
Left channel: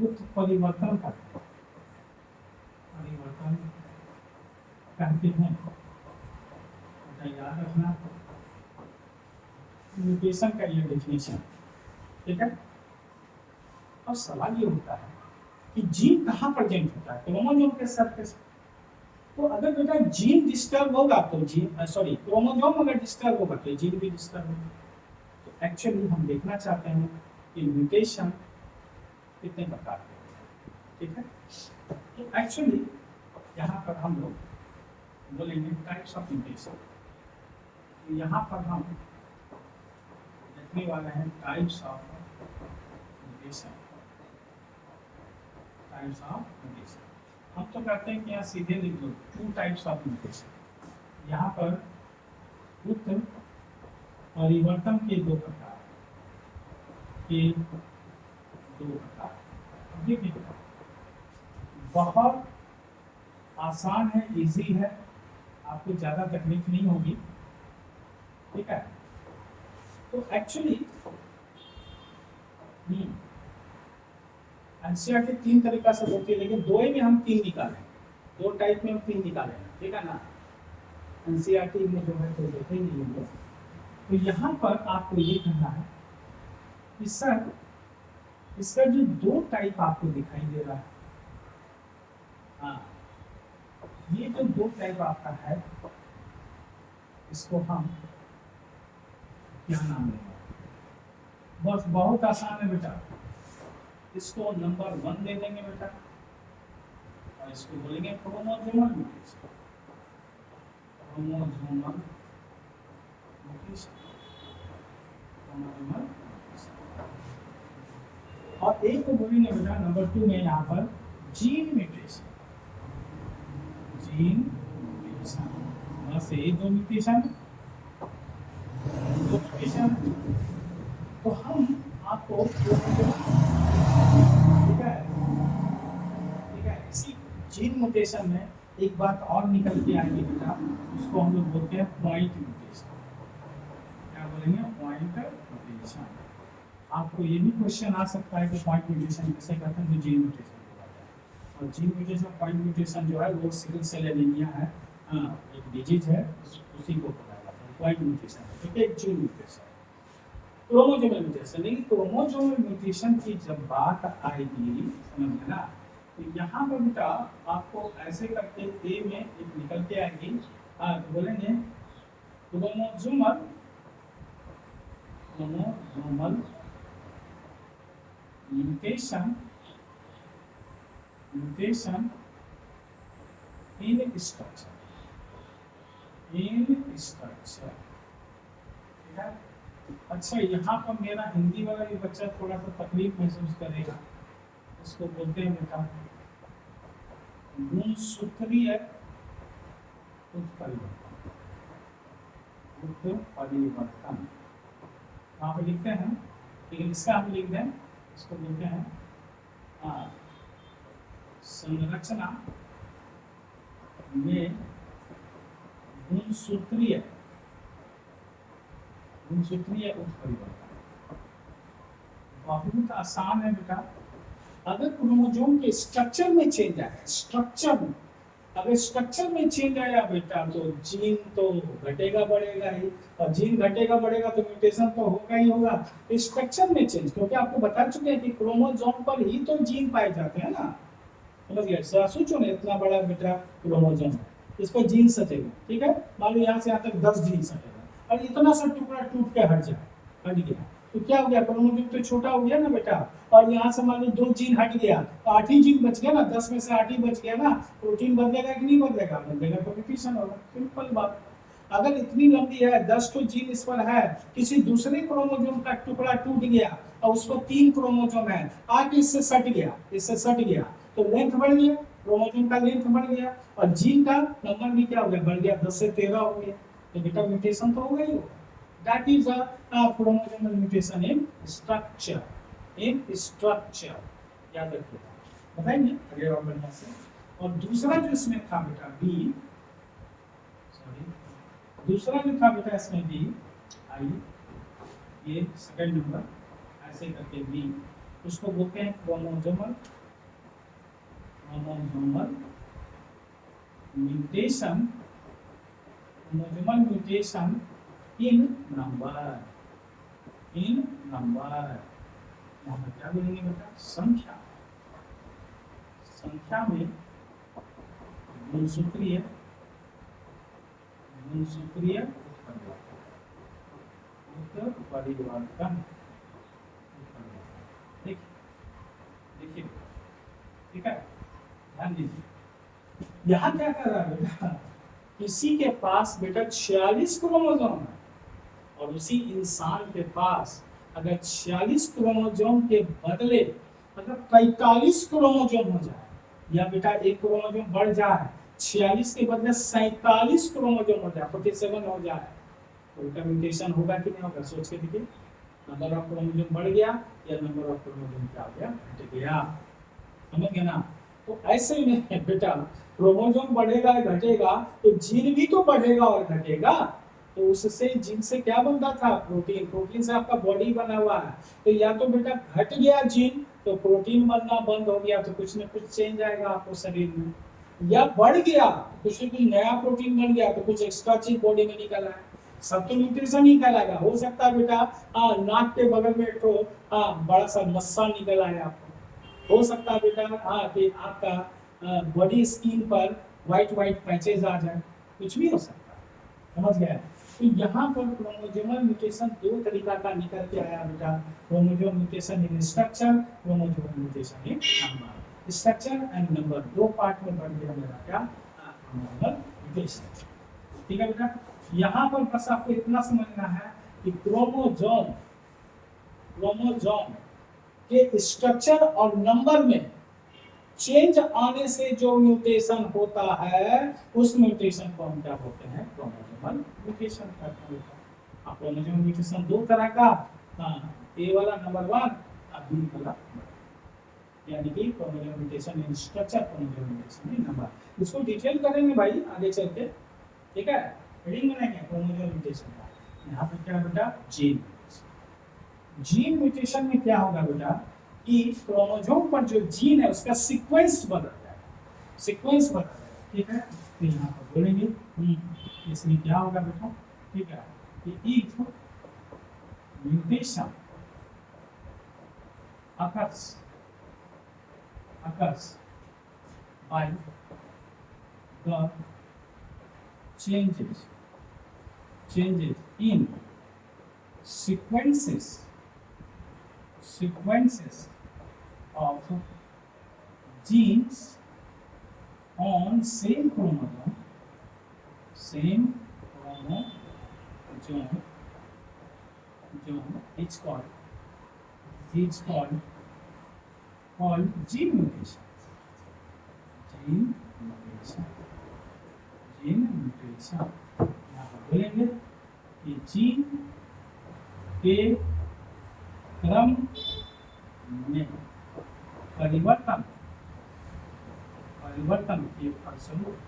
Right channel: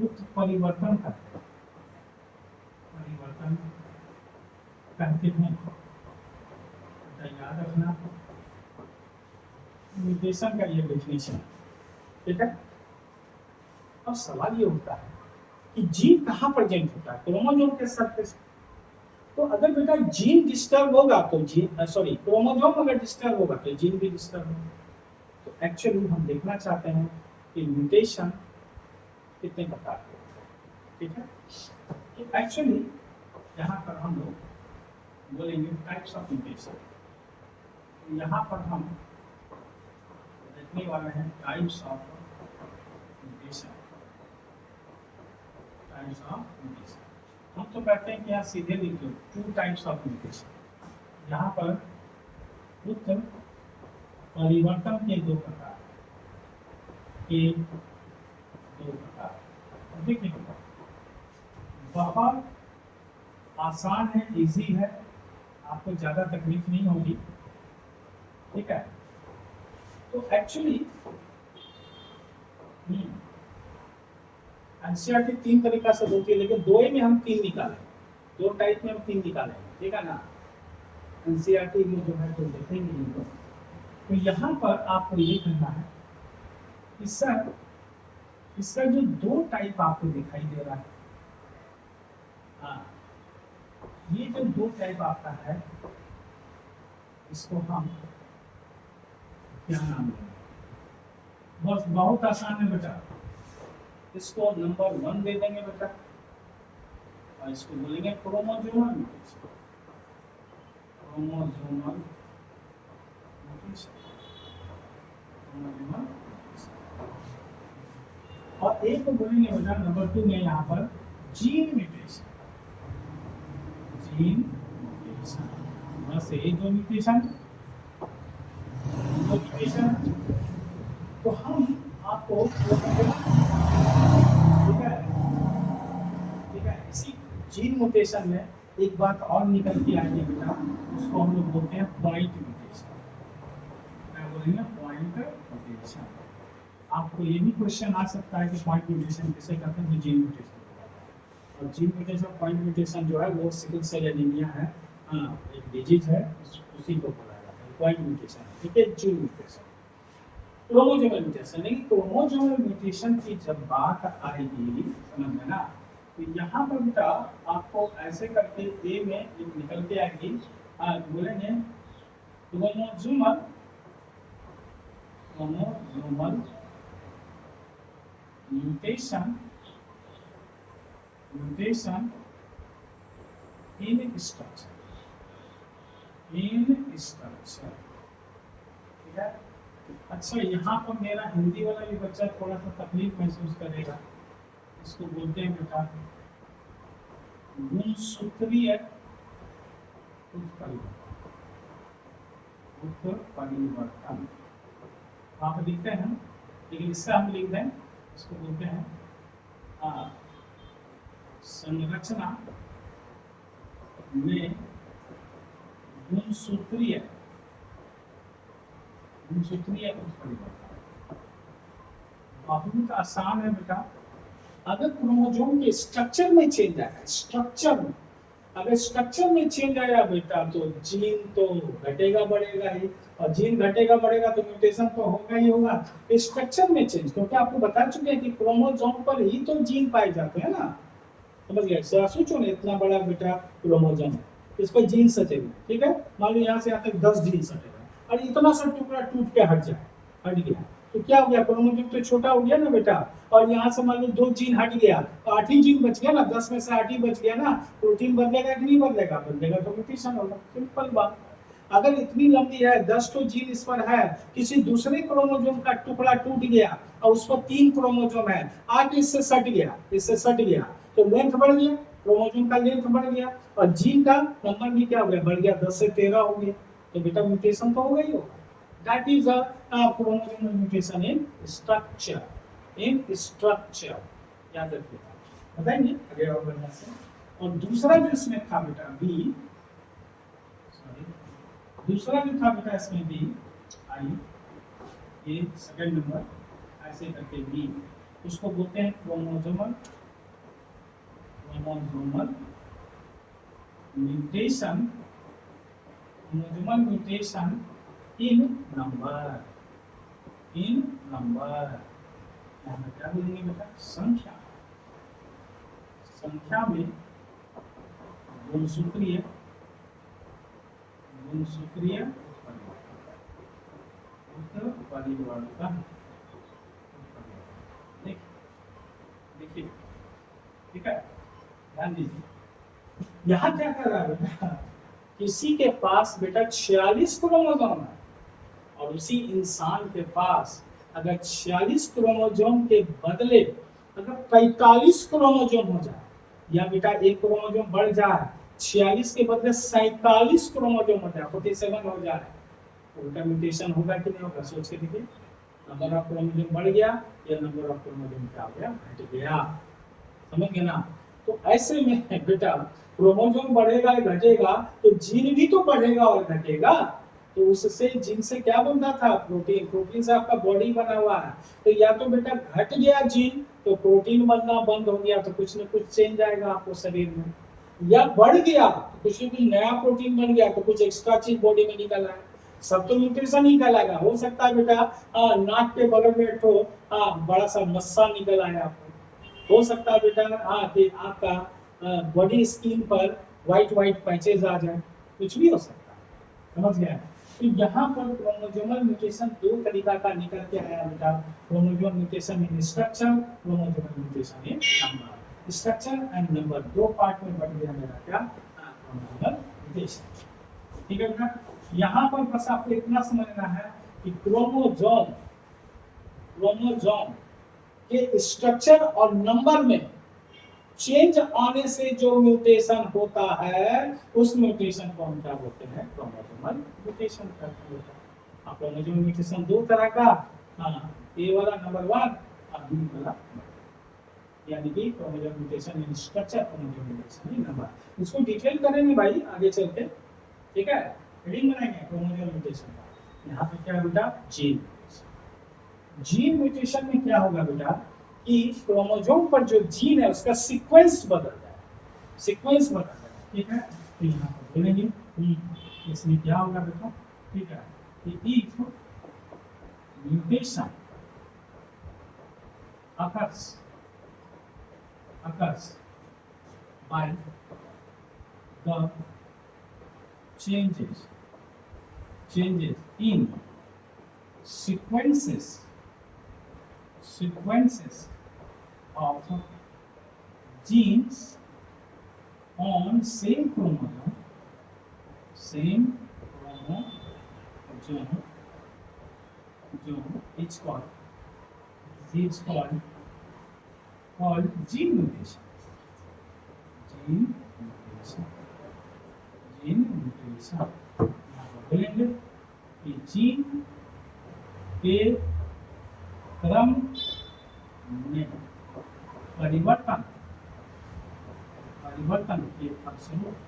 उत्परिवर्तन कहते हैं। याद रखना म्यूटेशन का ये डेफिनेशन। ठीक है, अब सवाल ये होता है कि जीन कहाँ प्रेजेंट होता है? क्रोमोसोम के सरफेस। तो अगर बेटा जीन डिस्टर्ब होगा तो क्रोमोसोम अगर डिस्टर्ब होगा तो जीन भी डिस्टर्ब होगा। तो एक्चुअली हम देखना चाहते हैं कि म्यूटेशन कितने प्रकार के होते हैं। ठीक है, तो एक्चुअली यहाँ पर हम लोग बोलेंगे टाइप्स ऑफ म्यूटेशन। यहाँ पर हम देखने वाले हैं टाइप्स ऑफ म्यूटेशन। हम तो कहते हैं कि यहाँ सीधे लिख लो 2 टाइप्स ऑफ म्यूटेशन। यहाँ पर उत्तर परिवर्तन के 2 प्रकार। देखिए, बहुत आसान है, इजी है, आपको ज़्यादा तकलीफ नहीं होगी। ठीक है, तो एक्चुअली एनसीईआरटी 3 तरीका से होती है, लेकिन 2 ही में हम 3 निकालें। 2 टाइप में हम 3 निकालें। ठीक है ना, एनसीईआरटी में जो है तो देखेंगे। तो यहाँ पर आपको ये कहना है कि सर इसका जो 2 टाइप आपको दिखाई दे रहा है, हाँ, ये जो 2 टाइप आपका है इसको हम क्या नाम देंगे? बस बहुत आसान है बेटा, इसको नंबर 1 दे देंगे बेटा, और इसको बोलेंगे chromosomal mutation. Chromosomal mutation, chromosomal. और एक को बोलेंगे बेटा नंबर 2 में यहाँ पर जीन म्यूटेशन, जीन म्यूटेशन, बस ये दो म्यूटेशन, तो हम आपको ठीक है इसी जीन म्यूटेशन में एक बात और निकल के आएगी बेटा, उसको हम लोग बोलते हैं पॉइंट म्यूटेशन। क्या बोलेंगे? Point mutation. आपको ये भी क्वेश्चन आ सकता है कि पॉइंट म्यूटेशन किसे कहते हैं? तो जीन म्यूटेशन हो जाता है। और जीन म्यूटेशन पॉइंट म्यूटेशन जो है वो सिकल सेल एनीमिया है, एक डिजीज है, उसी को बोला जाता है पॉइंट म्यूटेशन। ठीक है, जीन म्यूटेशन। क्रोमोसोमल म्यूटेशन, लेकिन क्रोमोसोमल म्यूटेशन की जब बात आएगी, समझ में ना, तो यहाँ पर बेटा आपको ऐसे करके ए में एक निकल के आएगी, तो बोलेंगे क्रोमोसोमल म्यूटेशन इन स्ट्रक्चर, ठीक है। अच्छा, यहाँ पर मेरा हिंदी वाला भी बच्चा थोड़ा सा तकलीफ महसूस करेगा, इसको बोलते हैं बेटा गुणसूत्रीय उत्परिवर्तन। वहाँ पे लिखते हैं, लेकिन इसका हम लिख दें, इसको बोलते हैं संरचना में गुणसूत्रीय उत्परिवर्तन। बहुत आसान है बेटा। अगर क्रोमोसोम के स्ट्रक्चर में चेंज आया, अगर स्ट्रक्चर में चेंज आया बेटा, तो जीन तो घटेगा बढ़ेगा ही, और जीन घटेगा बढ़ेगा तो म्यूटेशन तो होगा ही होगा। स्ट्रक्चर में चेंज, क्योंकि आपको बता चुके हैं कि क्रोमोसोम पर ही तो जीन पाए जाते हैं ना, समझ गए? सोचो ना, इतना बड़ा बेटा क्रोमोसोम है, इस पर जीन सटेगा, ठीक है। मान लो यहाँ से यहाँ तक 10 जीन सटेगा, और इतना सा टुकड़ा टूट के हट गया, तो क्या हो गया? क्रोमोसोम तो छोटा हो गया ना बेटा, और यहाँ से मान लो 2 जीन हट गया, 8 ही जीन बच गया ना, 10 में से 8 ही बच गया ना। प्रोटीन बदलेगा कि नहीं बदलेगा? बदलेगा, तो म्यूटेशन होगा, सिंपल बात। अगर इतनी लंबी है, 10 तो जीन इस पर है, किसी दूसरे क्रोमोसोम का टुकड़ा टूट गया और उस पर 3 क्रोमोसोम है, आके इससे सट गया, तो लेंथ बढ़ गया, क्रोमोसोम का लेंथ बढ़ गया, और जीन का नंबर भी क्या हो गया? बढ़ गया, 10 से 13 हो गया, तो बेटा म्यूटेशन तो हो गई होगा। That is a chromosomal mutation in structure. याद रखिए, बताएंगे आगे और बढ़िया से। और दूसरा जो इसमें था बेटा इसमें बी आई, ये सेकंड नंबर, ऐसे करके बी, उसको बोलते हैं क्रोमोसोमल म्यूटेशन इन नंबर। यहाँ पे क्या बोलेंगे बेटा? संख्या में गुणसूत्रीय उत्परिवर्तन। देखिए, ठीक है, ध्यान दीजिए। यहाँ क्या कर रहा है बेटा? किसी के पास बेटा 46 क्रोमोसोम है, और उसी इंसान के पास अगर 46 क्रोमोसोम के बदले अगर 45 क्रोमोसोम हो जाए, या बेटा एक क्रोमोसोम बढ़ जाए, 46 के बदले 47 क्रोमोसोम हो जाए, 47 हो जाए, तो उनका म्यूटेशन होगा कि नहीं होगा? सोच के देखिए, नंबर ऑफ क्रोमोसोम बढ़ गया या नंबर ऑफ क्रोमोसोम क्या हो गया? घट गया, समझ गए ना? तो ऐसे में बेटा क्रोमोसोम बढ़ेगा या घटेगा, तो जीन भी तो बढ़ेगा और घटेगा, तो उससे जीन से क्या बनता था? प्रोटीन से आपका बॉडी बना हुआ है, तो या तो बेटा घट गया जीन तो प्रोटीन बनना बंद हो गया, तो कुछ न कुछ चेंज आएगा आपको शरीर में, या बढ़ गया तो कुछ न कुछ नया प्रोटीन बन गया, तो कुछ एक्स्ट्रा चीज बॉडी में निकल आया, सब तो न्यूट्रिशन ही कहलाएगा। हो सकता है बेटा नाक के बगल में एक बड़ा सा मस्सा निकल आया आपको, हो सकता है बेटा फिर आपका बॉडी स्किन पर व्हाइट पैचेज आ जाए, कुछ भी हो सकता है, समझ गए? तो यहाँ पर क्रोमोसोमल म्यूटेशन 2 तरीका का निकल के आया बेटा, chromosomal mutation in structure, chromosomal mutation in number. Structure and number 2 part में बढ़ गया मेरा क्या? Chromosomal mutation. ठीक है बेटा। यहाँ पर बस आपको इतना समझना है कि क्रोमोसोम के स्ट्रक्चर और नंबर में चेंज आने से जो म्यूटेशन होता है उस म्यूटेशन को हम क्या बोलते हैं, क्रोमोसोमल म्यूटेशन कहते हैं। आप क्रोमोसोमल म्यूटेशन दो तरह का, हाँ, ए वाला नंबर 1 और बी वाला, यानी कि chromosomal mutation in structure, chromosomal mutation in number. उसको डिटेल करेंगे भाई आगे चलते, ठीक है। हेडिंग बनाएंगे क्रोमोसोमल म्यूटेशन का। यहाँ पे क्या बेटा, जीन जीन म्यूटेशन में क्या होगा बेटा कि क्रोमोसोम पर जो जीन है उसका सीक्वेंस बदल जाएगा, सीक्वेंस बदल जाएगा, ठीक है। तो यहाँ पर बोलेंगे इसमें क्या होगा बेटा, ठीक है, कि if mutation occurs by the changes in sequences of genes on same chromosome is called gene mutation. यहाँ पर बोलेंगे कि जीन के क्रम में परिवर्तन के फलस्वरूप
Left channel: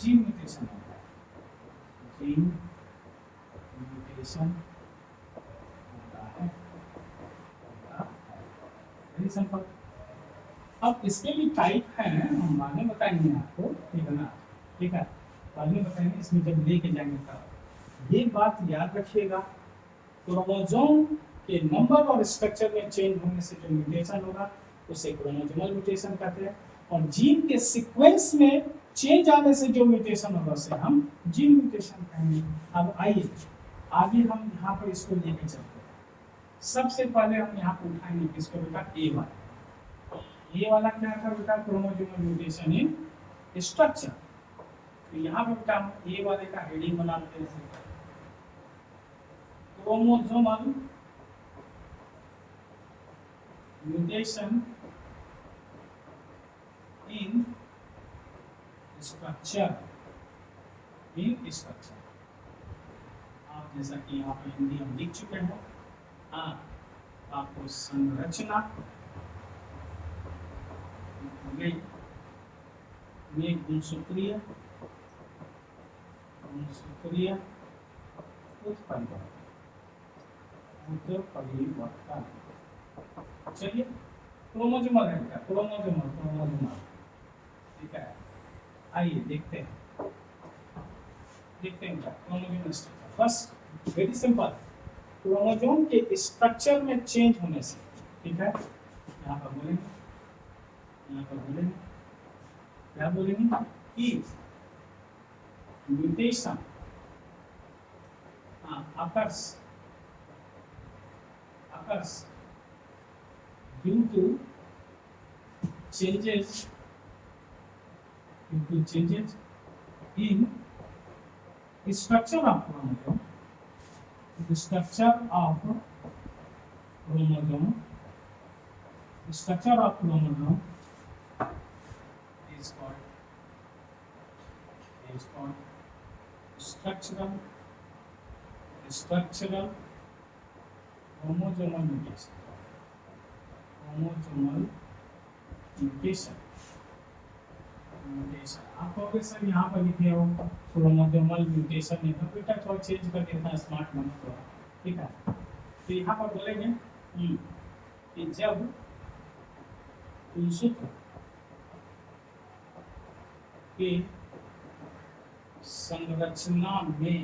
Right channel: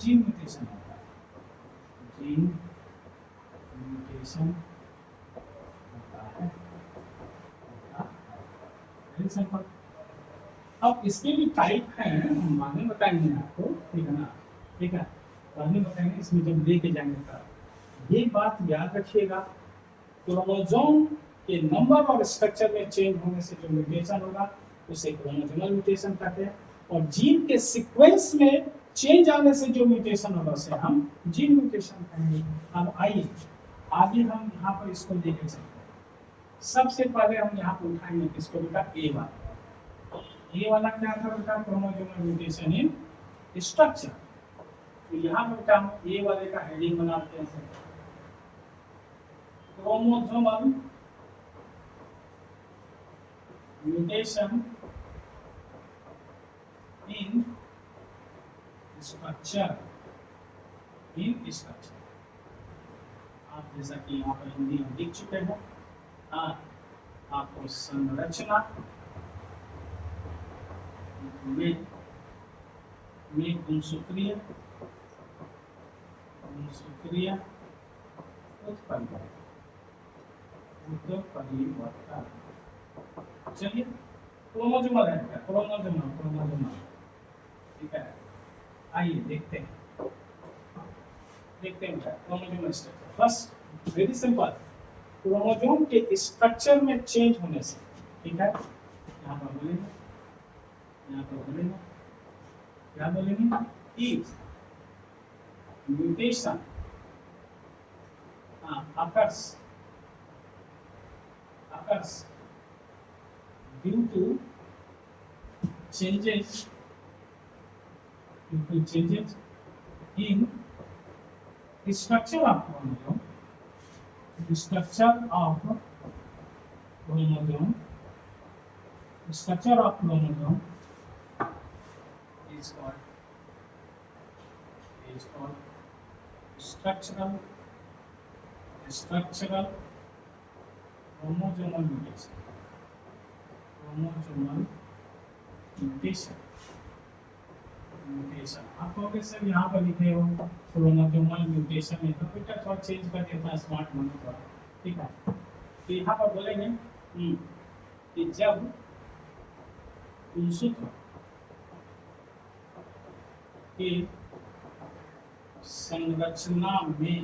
जीन म्यूटेशन होता है, जीन म्यूटेशन होता है। सिंपल। अब इसके भी टाइप हैं, हम बाद में बताएंगे आपको, ठीक है ना, ठीक है, बाद में बताएंगे इसमें जब लेके जाएंगे तब। ये बात याद रखिएगा, क्रोमोसोम के नंबर और स्ट्रक्चर में चेंज होने से जो म्यूटेशन होगा उसे क्रोमोसोमल म्यूटेशन कहते हैं, और जीन के सीक्वेंस में चेंज आने से जो म्यूटेशन होगा उसे हम जीन म्यूटेशन कहेंगे। अब आइए आगे हम यहाँ पर इसको लेके चलते हैं। सबसे पहले हम यहाँ पर उठाएंगे किसको बेटा, ए वाला। ये वाला क्या था बेटा, क्रोमोसोमल म्यूटेशन इन स्ट्रक्चर। तो यहाँ पे बेटा हम ए वाले का हेडिंग बनाते हैं, क्रोमोसोमल म्यूटेशन इन स्ट्रक्चर। आप जैसा कि यहाँ पर हिंदी हम लिख चुके हैं, आपको संरचना में गुणसूत्रीय परिवर्तन। चलिए क्रोमोसोमल है क्या, क्रोमोसोमल, ठीक है। आइए देखते हैं chromosomal structure. First very simple, chromosome के स्ट्रक्चर में चेंज होने से, ठीक है। यहाँ पर बोलेंगे क्या बोलेंगे, if mutation occurs due to changes in structure of chromosome, structure of chromosome is called structural chromosomal mutation। आप कहोगे सर यहाँ पर लिखे हो क्रोमोसोमल म्यूटेशन है, तो बेटा थोड़ा चेंज कर देता, स्मार्ट बने थोड़ा, ठीक है। तो यहाँ पर बोलेंगे कि जब गुणसूत्र के संरचना में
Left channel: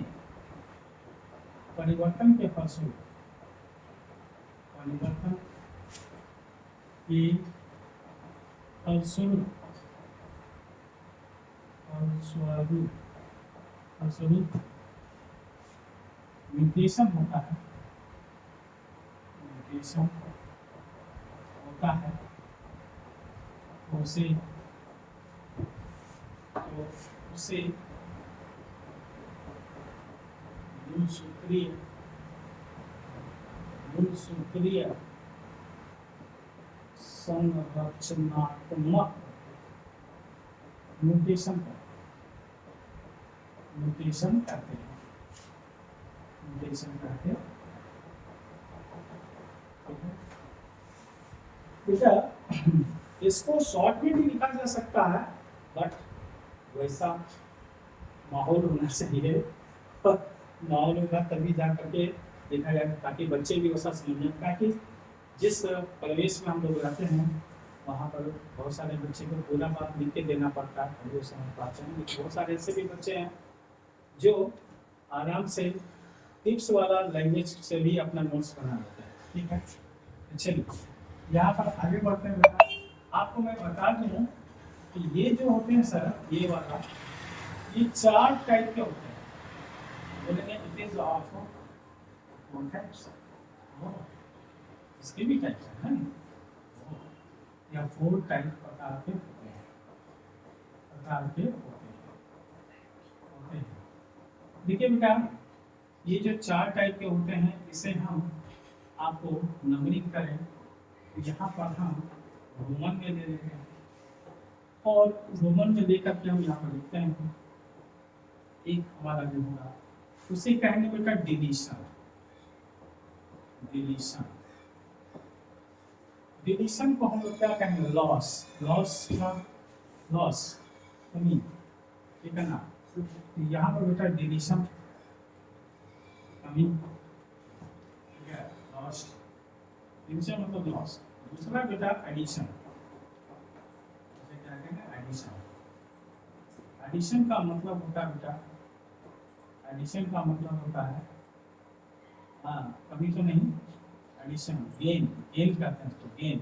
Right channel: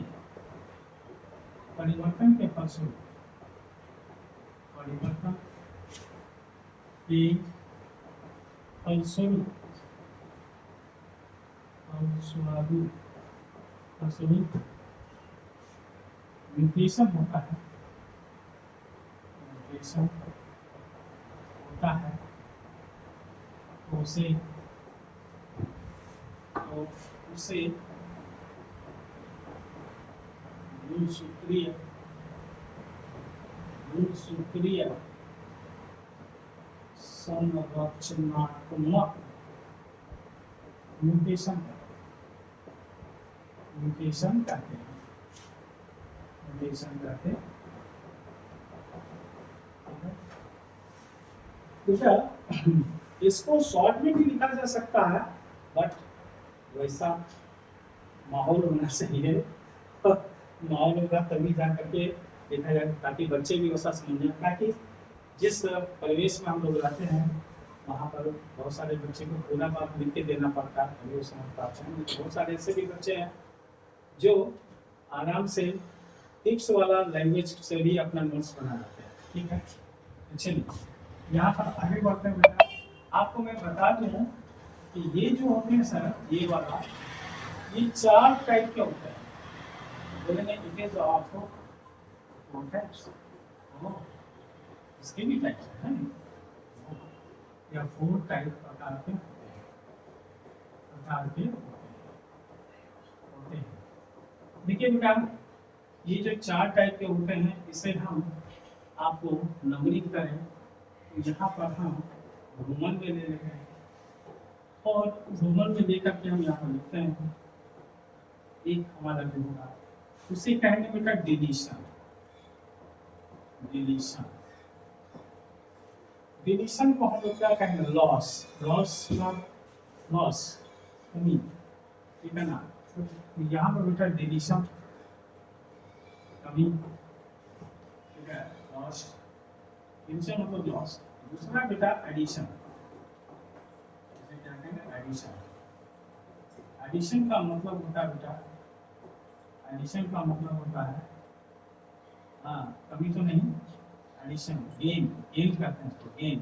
परिवर्तन के फलस्वरूप म्यूटेशन होता है, उसे तो उसे मूल सूत्रीय संरचनात्मक म्यूटेशन कहते हैं। बेटा इसको शॉर्ट में भी लिखा जा सकता है, बट वैसा माहौल होना चाहिए। माहौल होगा तभी जा करके देखा जाए, ताकि बच्चे भी वैसा समझें। ताकि जिस परिवेश में हम लोग रहते हैं वहाँ पर बहुत सारे बच्चे को पूरा बात लिख के देना पड़ता है, वो समझ पाते हैं। बहुत सारे ऐसे भी बच्चे हैं जो आराम से टिप्स वाला लैंग्वेज से भी अपना नोट्स बना लेते हैं। ठीक है, चलिए यहाँ पर आगे बढ़ते हैं। बेटा आपको मैं बता दूँ कि ये जो होते हैं सर, ये वाला ये 4 टाइप के होते हैं। बोलेंगे इट इज ऑफ कॉन्टेक्स्ट, इसके भी टाइप्स है ना, या 4 टाइप प्रकार के होते हैं, देखिए बेटा ये जो 4 टाइप के होते हैं, इसे हम आपको नंबरिंग करें तो यहाँ पर हम रोमन में ले लेते हैं, और रोमन में लेकर के हम यहाँ पर लिखते हैं। एक हमारा जो होगा उसे कहेंगे बेटा डिलीशन। डिलीशन को हम लोग क्या कहेंगे, लॉस कमी, ठीक है ना। यहाँ पर बेटा डिलीशन कमी, ठीक है, लॉस, डिलीशन मतलब लॉस। दूसरा बेटा एडिशन, एडिशन का मतलब होता है बेटा, एडिशन का मतलब होता है हाँ कभी तो नहीं, एडिशन गेन करते हैं तो गेन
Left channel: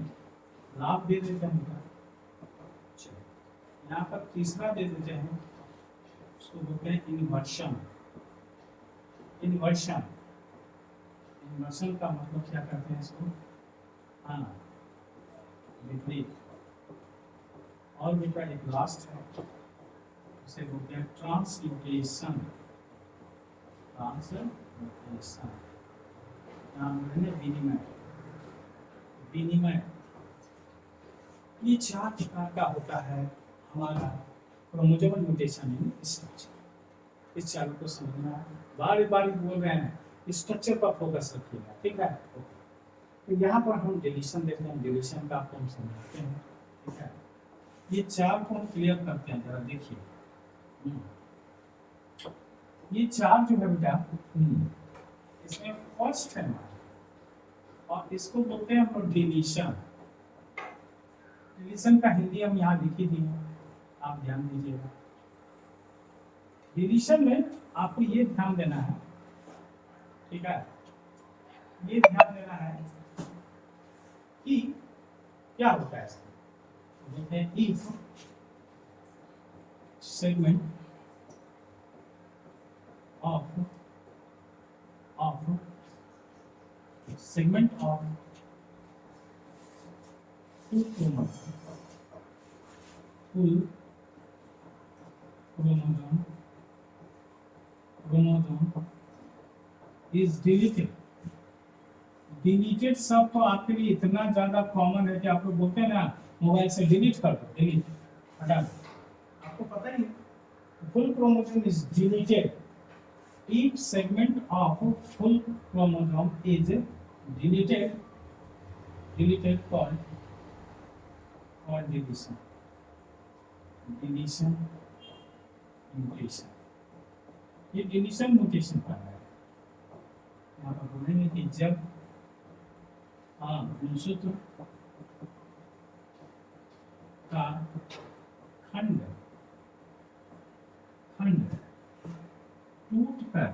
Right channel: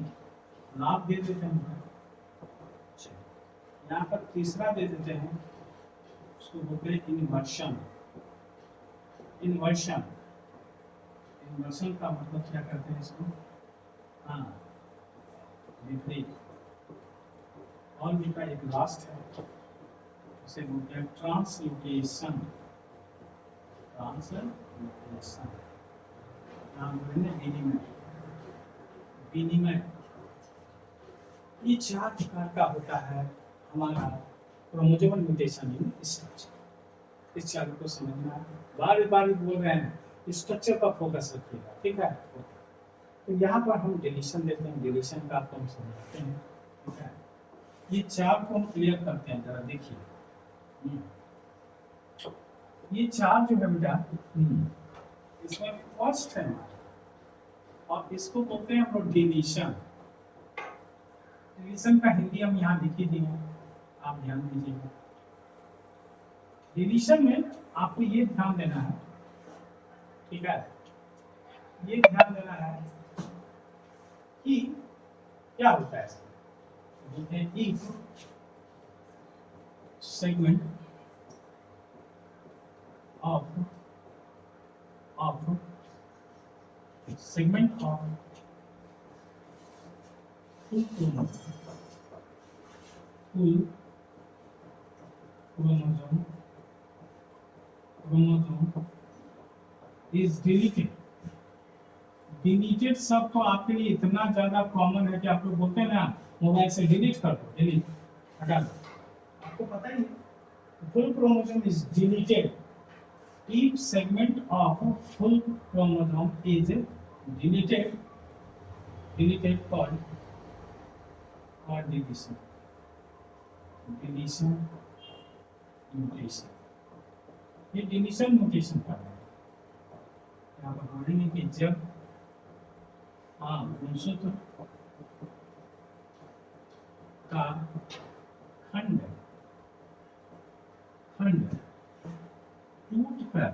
लाभ दे देते हैं बेटा। यहाँ पर तीसरा दे देते हैं, उसको बोलते हैं इन्वर्शन का मतलब क्या करते हैं इसको, हाँ विपरीत। और बेटा एक लास्ट है, उसे बोलते हैं ट्रांसलोकेशन। नाम विनिमय। ये 4 प्रकार का होता है हमारा क्रोमोसोमल म्यूटेशन इन स्ट्रक्चर। इस चारों को समझना है, बार बार बोल रहे हैं स्ट्रक्चर पर फोकस रखिएगा, ठीक है। तो यहाँ पर हम डिलीशन देखते हैं, डिलीशन का आपको हम समझते हैं, ठीक है। ये 4 को हम क्लियर करते हैं, जरा देखिए। ये 4 जो है बेटा, इसमें फर्स्ट है और इसको बोलते हैं हम डिलीशन। डिलीशन का हिंदी हम यहाँ लिख ही दिए, आप ध्यान दीजिएगा। डिलीशन में आपको ये ध्यान देना है, ठीक है, ये ध्यान देना है कि क्या होता है। बोलते हैं if segment of full chromosome is deleted। Deleted शब्द तो आपके लिए इतना ज्यादा कॉमन है कि आप लोग बोलते हैं ना मोबाइल से डिलीट कर दो, डिलीट हटा दो, आपको पता ही। Full chromosome is deleted if segment of full chromosome is deleted called deletion mutation। ये डिलीशन म्यूटेशन का है। यहाँ पर बोलेंगे कि जब गुणसूत्र का खंड टूट कर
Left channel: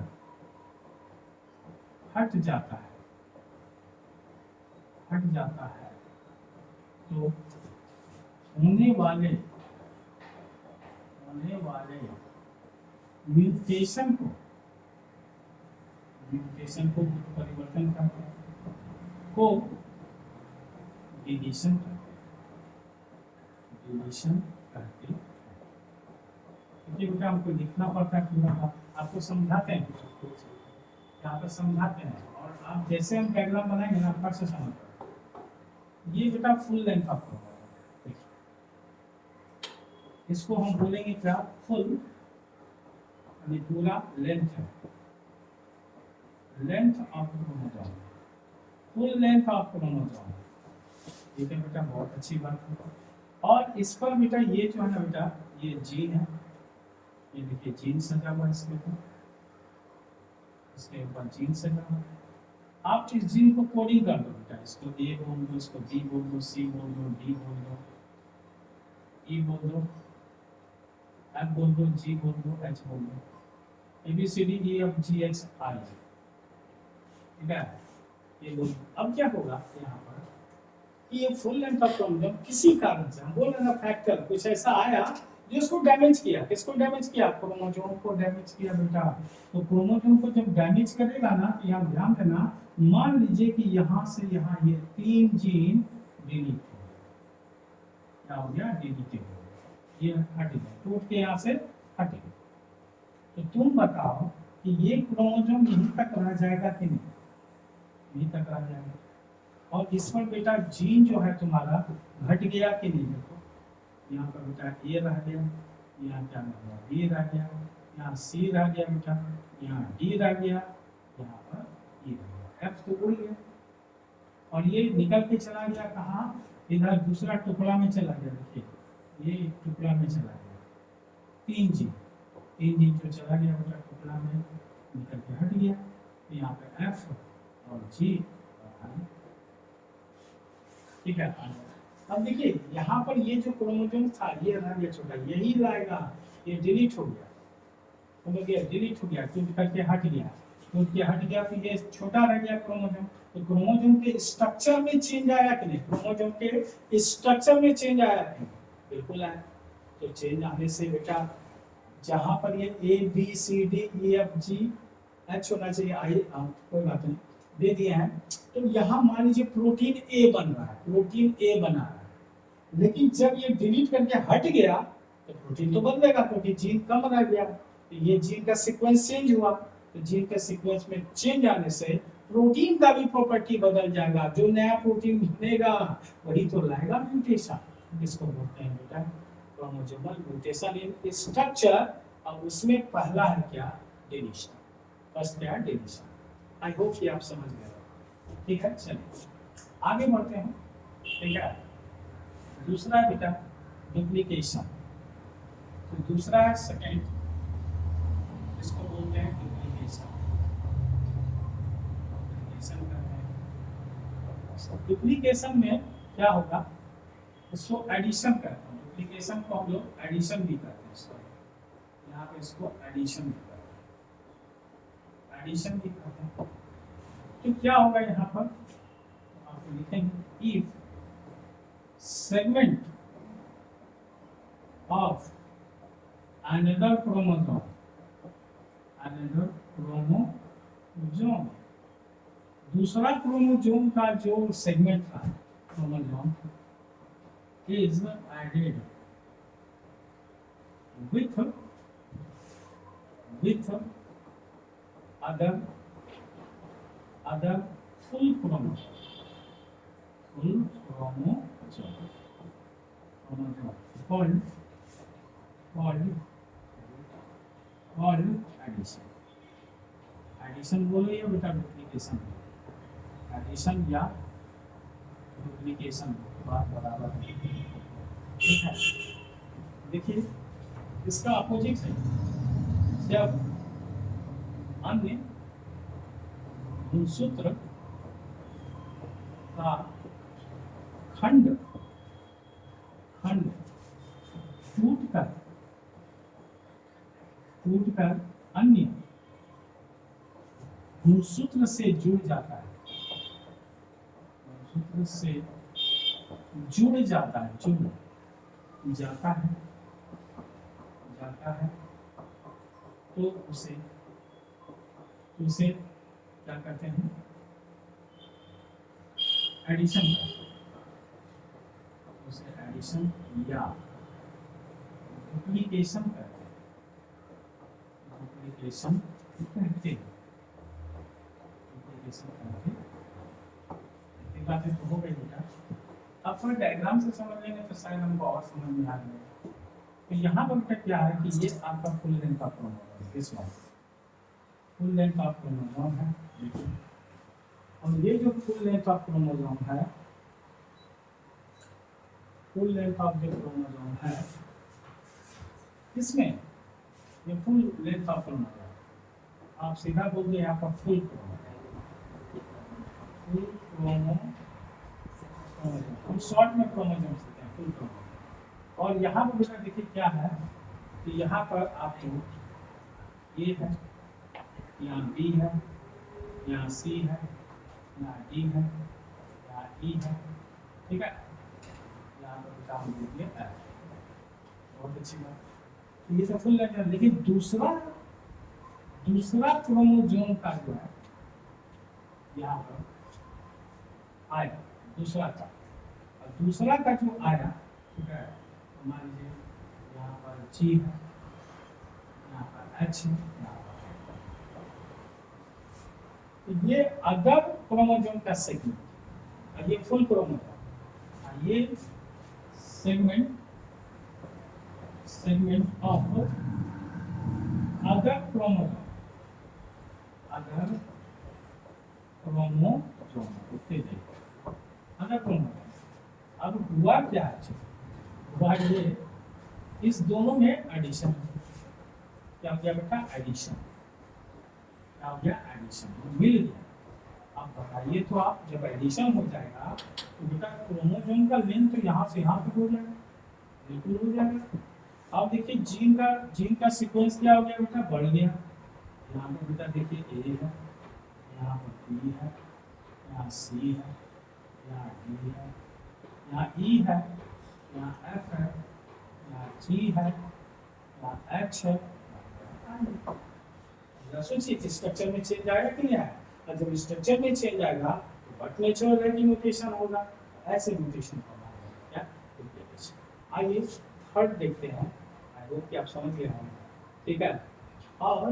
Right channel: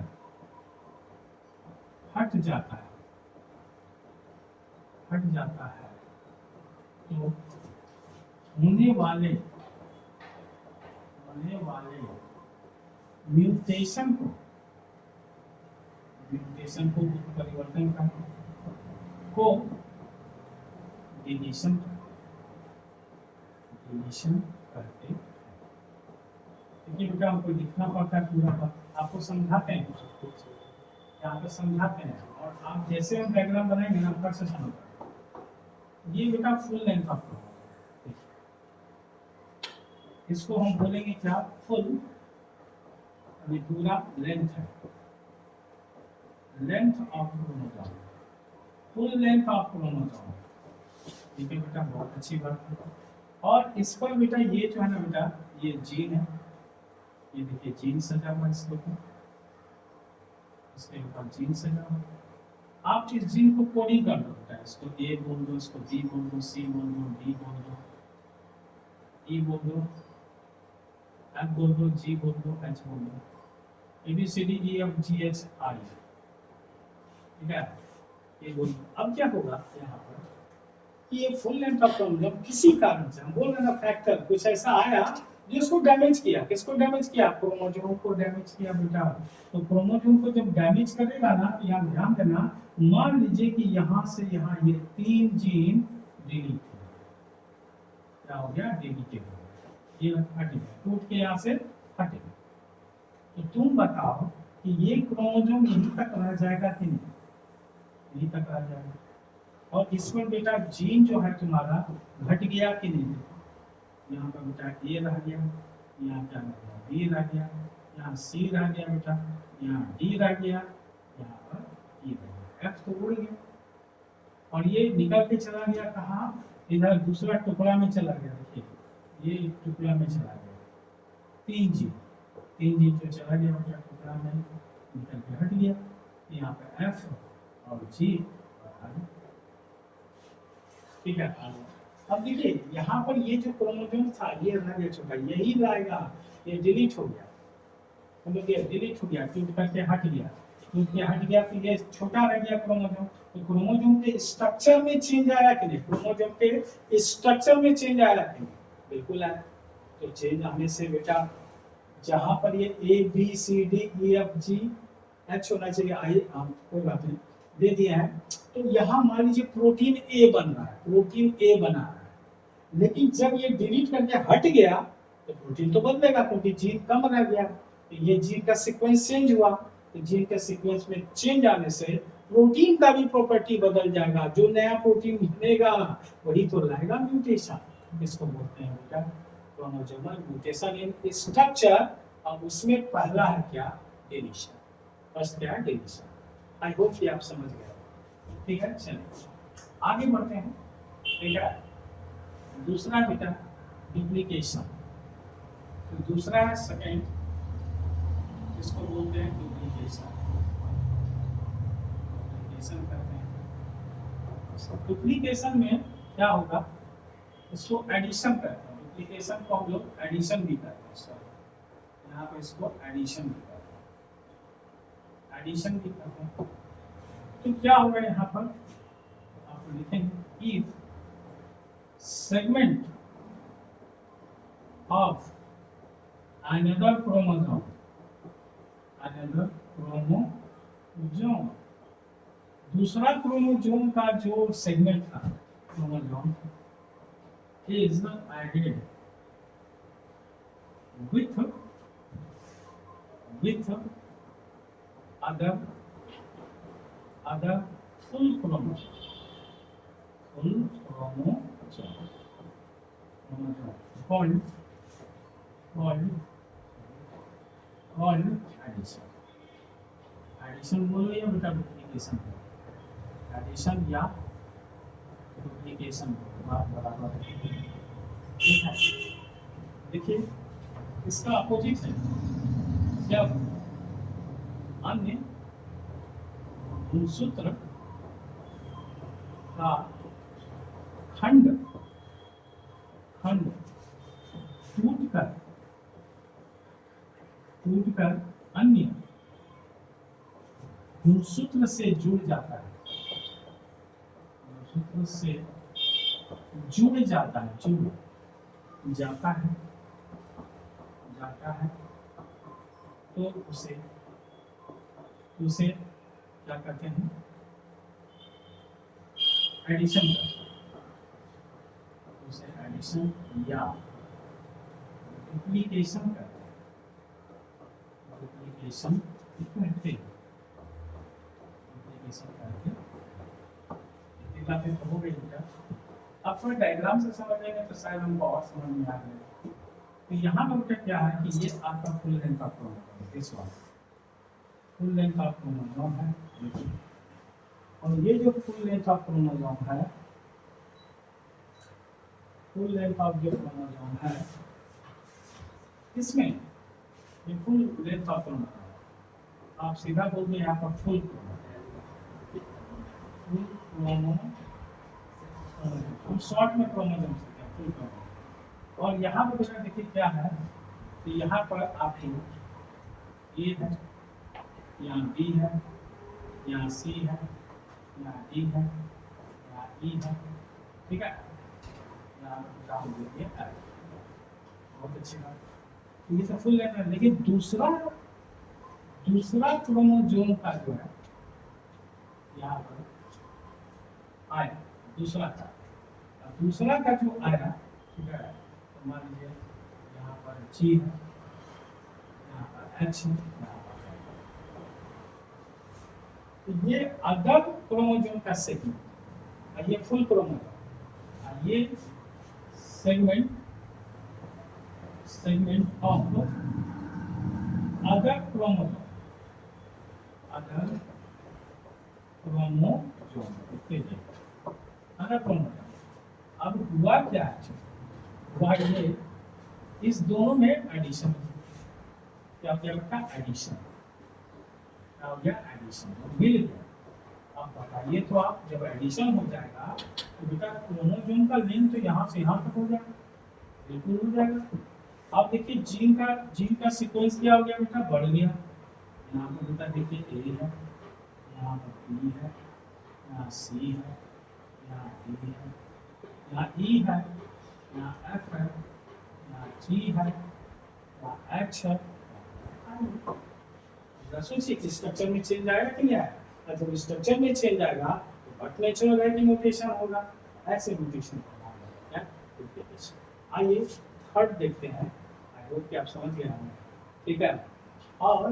हट जाता है तो होने वाले म्यूटेशन को परिवर्तन को डिलीशन डिलीशन करते हैं। क्योंकि बेटा हमको लिखना पड़ता है पूरा बात, आपको समझाते हैं यहाँ पर समझाते हैं, और आप जैसे हम डायग्राम बनाएंगे ना फट से समझ पाएंगे। ये बेटा फुल लेंथ आपको, इसको हम बोलेंगे क्या, फुल, यानी पूरा लेंथ है, length of chromosome, full length of chromosome. ठीक है बेटा, बहुत अच्छी बात है। और इस पर बेटा ये जो है ना बेटा, ये जीन है, ये देखिए जीन सजा हुआ है इसके ऊपर, इसके ऊपर जीन सजा हुआ है। आप इस जीन को कोडिंग कर दो बेटा, इसको ए बोल दो, इसको बी बोल दो, सी बोल दो, डी बोल दो, ई बोल दो, एफ बोल दो, जी बोल दो, एच बोल दो, A B C D E F G H I. ठीक है, ये बोल दो। अब क्या होगा यहाँ पर कि ये फुल लेंथ ऑफ क्रोमोसोम किसी कारण से, हम बोल रहे ना फैक्टर कुछ ऐसा आया जो इसको डैमेज किया। किसको डैमेज किया, क्रोमोसोम को डैमेज किया बेटा। तो क्रोमोसोम को जब डैमेज करेगा ना, तो यहाँ ध्यान देना, मान लीजिए कि यहाँ से यहाँ ये 3 जीन डिलीट हो गए, क्या हो गया, डिलीट हो गया, ये हट गया, टूट के यहाँ से हट गया। तो तुम बताओ कि ये क्रोमोसोम यहीं तक रह जाएगा कि नहीं, यहीं तक रह जाएगा। और इस पर बेटा जीन जो है तुम्हारा घट गया कि नहीं, देखो यहाँ पर बेटा ए रह गया, यहाँ क्या रह गया, बी रह गया, यहाँ सी रह गया बेटा, यहाँ डी रह गया, यहाँ पर ई रह गया, एफ तो उड़ गया, और ये निकल के चला गया कहाँ, इधर दूसरा टुकड़ा में चला गया। देखिए ये टुकड़ा में चला गया, 3 जीन जो चला गया बेटा टुकड़ा में, निकल के हट गया, यहाँ पे एफ और जी। ठीक है, अब देखिए यहाँ पर ये जो क्रोमोसोम था ये रह गया छोटा, यही लाएगा, ये डिलीट हो गया, मतलब ये डिलीट हो गया, टूट करके हट गया, टूट के हट गया, फिर ये छोटा रह गया क्रोमोसोम। तो क्रोमोसोम के स्ट्रक्चर में चेंज आया कि नहीं, क्रोमोसोम के स्ट्रक्चर में चेंज आया कि नहीं, बिल्कुल आया। तो चेंज आने से बेटा जहाँ पर ये A B C D E F G H होना चाहिए, आई कोई बात नहीं दे दिए हैं। तो यहाँ मान लीजिए प्रोटीन ए बन रहा है, प्रोटीन ए बना रहा है, लेकिन जब ये डिलीट करके हट गया तो प्रोटीन तो बदलेगा, क्योंकि जीन कम रह गया। तो ये जीन का सीक्वेंस चेंज हुआ, तो जीन का सीक्वेंस में चेंज आने से प्रोटीन का भी प्रॉपर्टी बदल जाएगा, जो नया प्रोटीन बनेगा वही तो लाएगा म्यूटेशन। इसको बोलते हैं बेटा क्रोमोसोमल म्यूटेशन इन स्ट्रक्चर। अब उसमें पहला है क्या, डिलीशन, फर्स्ट क्या है, डिलीशन। आई होप कि आप समझ गए। ठीक है, चलिए आगे बढ़ते हैं। ठीक है, दूसरा बेटा डुप्लीकेशन। तो दूसरा है सेकेंड, इसको बोलते हैं डुप्लीकेशन, डुप्लीकेशन करते हैं। डुप्लीकेशन में क्या होगा, इसको एडिशन करते हैं, डुप्लीकेशन को हम लोग एडिशन भी करते हैं, सॉरी यहाँ पे इसको एडिशन भी करते हैं, एडिशन भी करते हैं। तो क्या होगा यहाँ पर, आप लिखेंगे if segment of another chromosome, another chromosome, दूसरा क्रोमोसोम का जो सेगमेंट था, chromosome is added with other full chromosome called addition। Addition बोलो या बेटा डुप्लीकेशन, एडिशन या डुप्लीकेशन बात बराबर है। ठीक है, देखिए इसका अपोजिट है, जब अन्य गुणसूत्र का खंड टूटकर अन्य गुणसूत्र से जुड़ जाता है, गुणसूत्र से जुड़ जाता है, जुड़ जाता है, तो उसे क्या कहते हैं, एडिशन करते हैं, उसे डुप्लीकेशन या डुप्लीकेशन कहते हैं, डुप्लीकेशन कहते हैं, डुप्लीकेशन कहते हैं। इतनी बातें तो हो गई बेटा। अब थोड़ा डायग्राम से समझ लेंगे तो शायद हमको और समझ में आ जाएगा। तो यहाँ पर बेटा क्या है कि ये आपका फुल लेंथ का क्रोमोसोम है, इस वाला फुल लेंथ का क्रोमोसोम है, और ये जो फुल लेंथ का क्रोमोसोम है, फुल लेंथ ऑफ जो क्रोमोसोम है, इसमें ये फुल लेंथ ऑफ क्रोमोसोम, आप सीधा बोलिए यहाँ पर फुल क्रोमोसोम, हम शॉर्ट में क्रोमोसोम से हैं, फुल क्रोमोसोम। और यहाँ पर बेटा देखिए क्या है कि यहाँ पर आपको ये है, यहाँ बी है, यहाँ सी है, यहाँ डी है, यहाँ ई है, ठीक है। यहाँ पर काम दीजिए, बहुत अच्छी बात। ये तो फुल लेंथ है, लेकिन दूसरा क्रोमोसोम का जो है यहाँ पर आया, दूसरा का जो आया, ठीक है, तो मान लीजिए यहाँ पर जी है, यहाँ पर एच है, यहाँ पर तो ये अदर क्रोमोसोम का सेगमेंट, और ये फुल क्रोमोसोम, और ये segment of other chromosome, other chromosome. अब हुआ क्या है, हुआ ये इस दोनों में एडिशन, क्या हो गया बेटा, एडिशन, क्या हो गया, एडिशन, मिल गया। अब बताइए तो आप, जब एडिशन हो जाएगा तो बेटा क्रोमोसोम का लेंथ तो यहाँ से यहाँ तक हो जाएगा, बिल्कुल हो जाएगा। अब देखिए जीन का सीक्वेंस क्या हो गया बेटा, बढ़ गया। यहाँ पर बेटा देखिए ए है, यहाँ पर बी है, यहाँ सी है, यहाँ डी है, यहाँ ई है, यहाँ एफ है, यहाँ जी है, यहाँ एच है। सोचिए स्ट्रक्चर में चेंज आएगा कि नहीं आएगा, और जब स्ट्रक्चर में चेंज आएगा तो बट नेचुरल है कि म्यूटेशन होगा, ऐसे म्यूटेशन होगा, डुप्लीकेशन। आइए थर्ड देखते हैं, आई होप कि आप समझ गए होंगे, ठीक है। और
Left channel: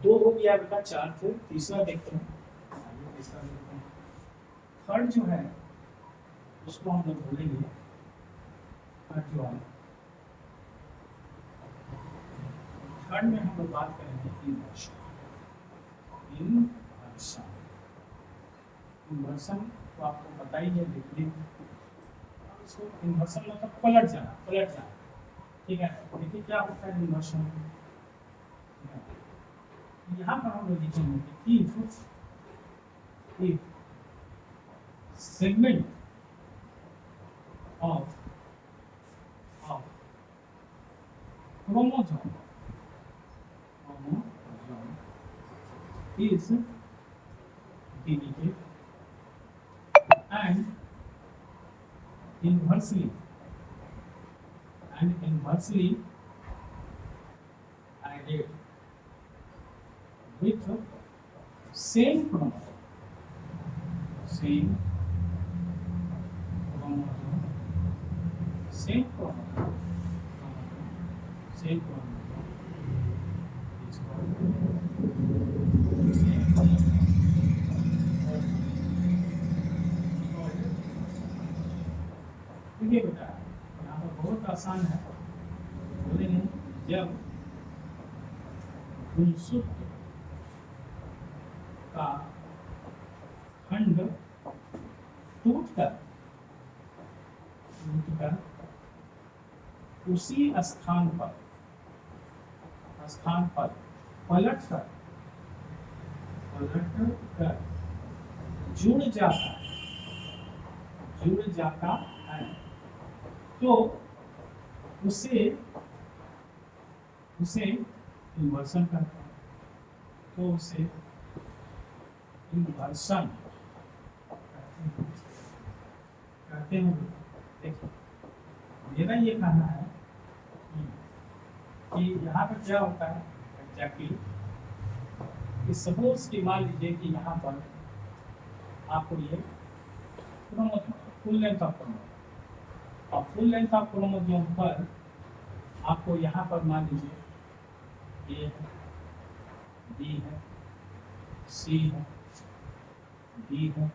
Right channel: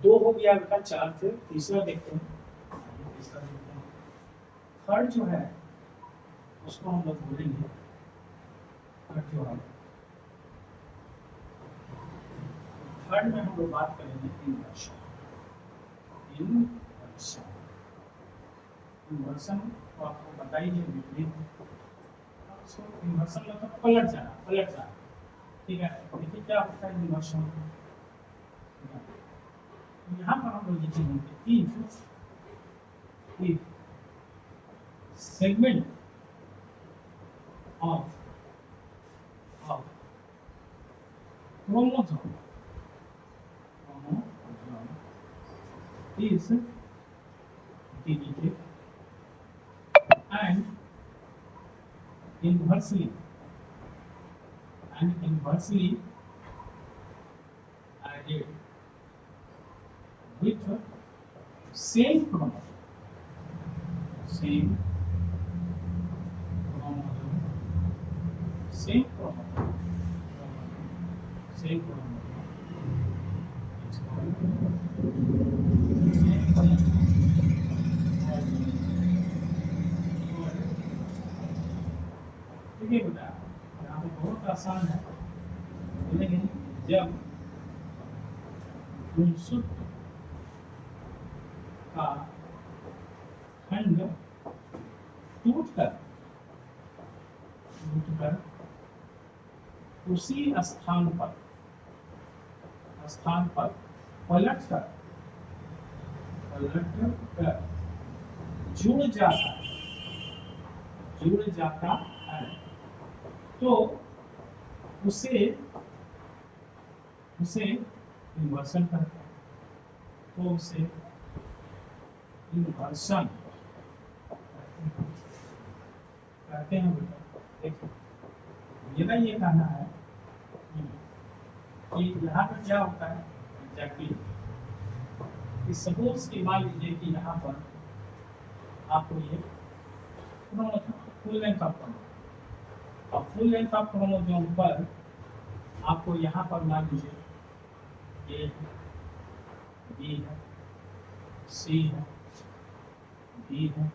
दो हो गया बेटा, चार थे, तीसरा देखते हैं, तीसरा देखते हैं। थर्ड जो है उसको हम लोग बोलेंगे, थर्ड जो है, थर्ड में हम लोग बात करेंगे इन्वर्शन। इन्वर्शन तो आपको पता ही है, विपरीत। इसको इन्वर्शन मतलब पलट जाना, ठीक है। देखिए क्या होता है इन्वर्शन, यहाँ पर हम लोग लिखेंगे if segment of chromosome is deleted and inversely added with the same chromosome, it's called देखिए बेटा, यहाँ पर बहुत आसान है, बोलेंगे जब गुणसूत्र का खंड टूटकर उसी स्थान पर पलटकर जुड़ जाता है, तो उसे इन्वर्सन कहते हैं, तो उसे इन्वर्सन कहते हैं। देखिए मेरा ये कहना है कि यहाँ पर क्या होता है एग्जैक्टली, सपोज की मान लीजिए कि यहाँ पर आपको ये फुल लेंथ ऑफ क्रोमोसोम, और फुल लेंथ ऑफ क्रोमोसोम पर आपको यहाँ पर मान लीजिए ए है, बी है, सी है, डी है,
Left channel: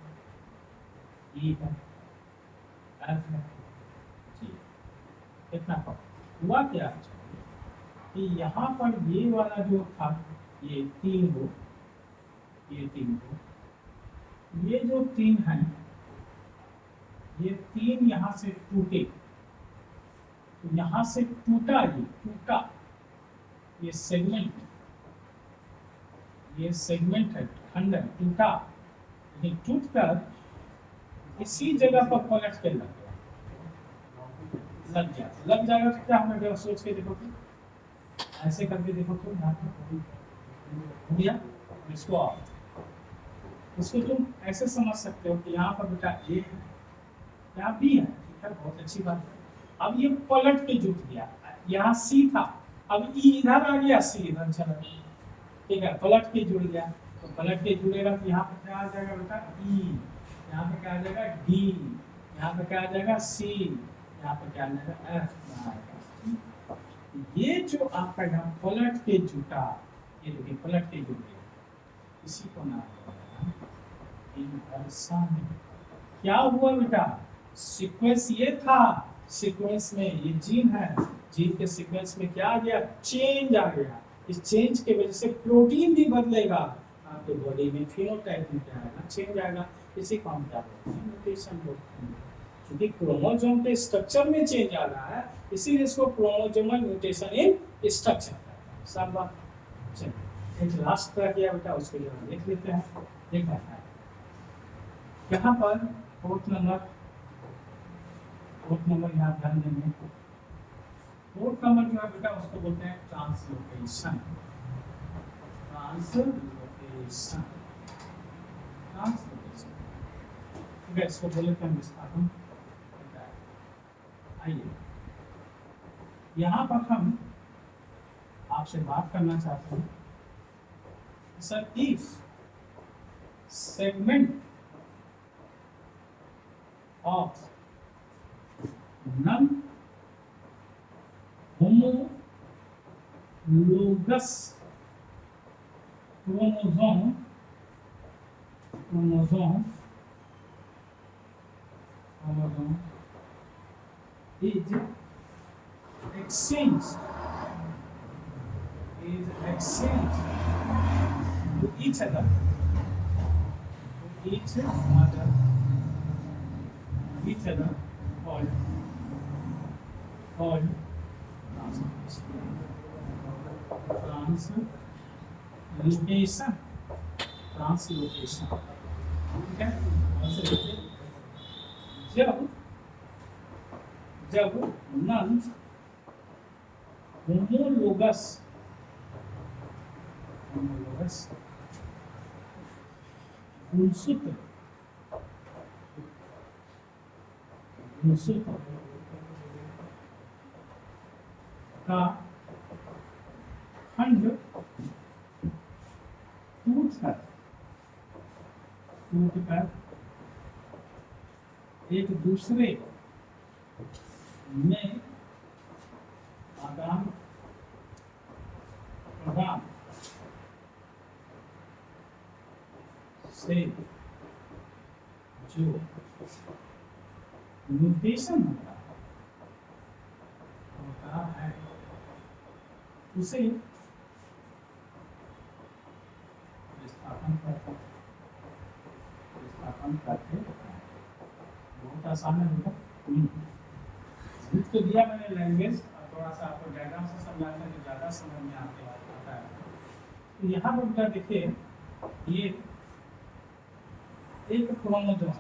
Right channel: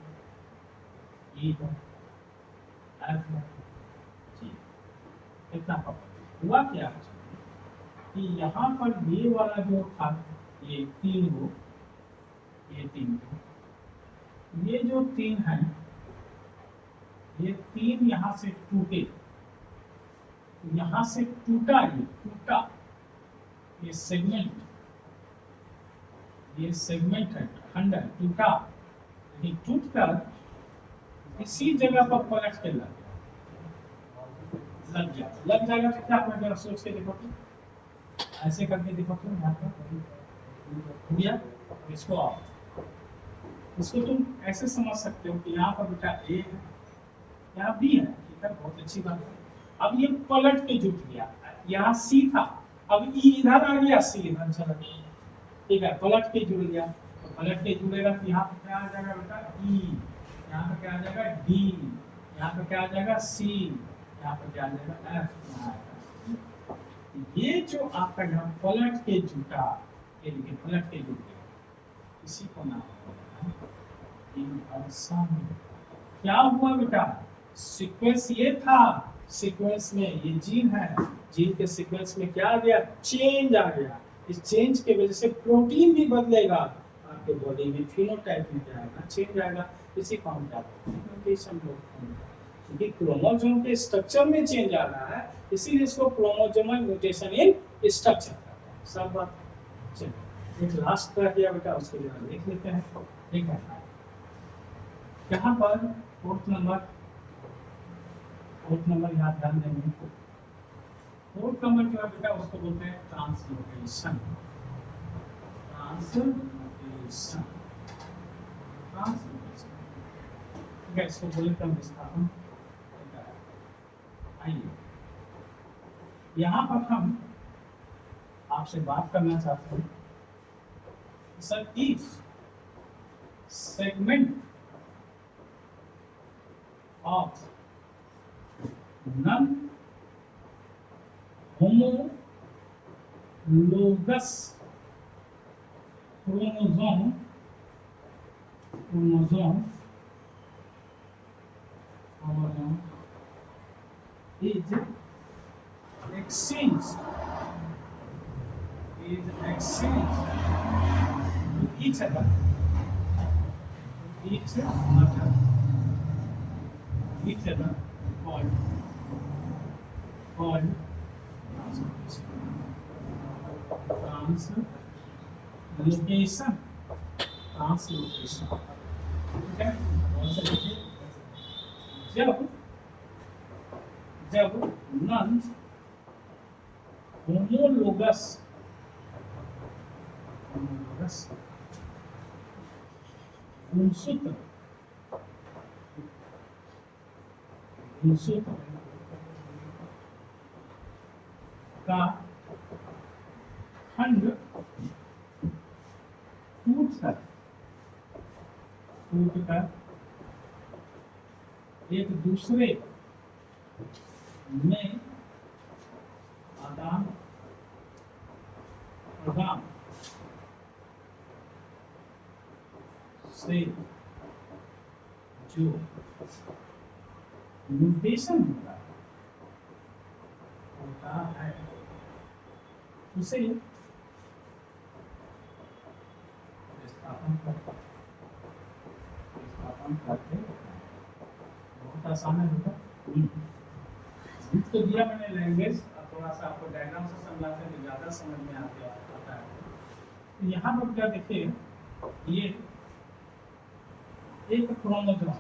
ई है, एफ है, जी। कितना हुआ क्या कि यहाँ पर ये वाला जो था ये 3 हो, ये 3 हो, ये जो 3 है ये 3 यहाँ से टूटे, यहाँ से टूटा, ये टूटा, ये सेगमेंट है, खंड है, टूटा, यानी टूटकर इसी जगह पर पलट के लग जाएगा तो क्या होगा, जरा सोच के देखो कि ऐसे करके देखो तो यहाँ पे भैया इसको आओ, इसको तुम ऐसे समझ सकते हो कि यहाँ पर बेटा ए है, यहाँ बी है, ठीक है, बहुत अच्छी बात है। अब ये पलट के जुट गया, यहाँ सी था, अब ई इधर आ गया, सी इधर चला गया, ठीक है, पलट के जुड़ गया, तो पलट के जुड़ेगा तो यहाँ पे क्या आ जाएगा बेटा ई, यहाँ पे क्या आ जाएगा डी, यहाँ पे क्या आ जाएगा सी, यहाँ पे क्या आ जाएगा एफ। ये जो आपका यहाँ पलट के जुटा, ये देखिए पलट के जुट गया, इसी को नाम इनवर्सन। क्या हुआ बेटा, सीक्वेंस ये था, सीक्वेंस में ये जीन है, जीन के सीक्वेंस में क्या आ गया, चेंज आ गया, इस चेंज के वजह से प्रोटीन भी बदलेगा आपके बॉडी में, फिनोटाइप में क्या आएगा, चेंज आएगा, इसी को हम क्या बोलते हैं, म्यूटेशन बोलते हैं। क्योंकि क्रोमोसोम के स्ट्रक्चर में चेंज आ रहा है, इसीलिए इसको क्रोमोसोमल म्यूटेशन इन स्ट्रक्चर कहते हैं। सब बात चलिए एक लास्ट तरह किया बेटा, उसको जरा देख लेते हैं। एक है यहाँ पर फोर्थ नंबर यहाँ ध्यान देंगे, फोर्थ नंबर जो है बेटा उसको बोलते हैं ट्रांसलोकेशन। ठीक है, इसको बोले तो विस्थापन। आइए यहाँ पर हम आपसे बात करना चाहते हैं, sir if segment of non-homologous chromosome is exchanged to each other called translocation। ठीक है, जब नॉन होमोलोगस गुणसूत्र का खंड टूटकर एक दूसरे में आदान प्रदान से जो म्यूटेशन होता है उसे विस्थापन करते हैं। बहुत आसान है बेटा, तो दिया मैंने लैंग्वेज, थोड़ा सा आपको डायग्राम से समझाते हैं ज़्यादा समझ में आता है। तो यहाँ पर क्या देखिए, ये एक क्रोमोसोम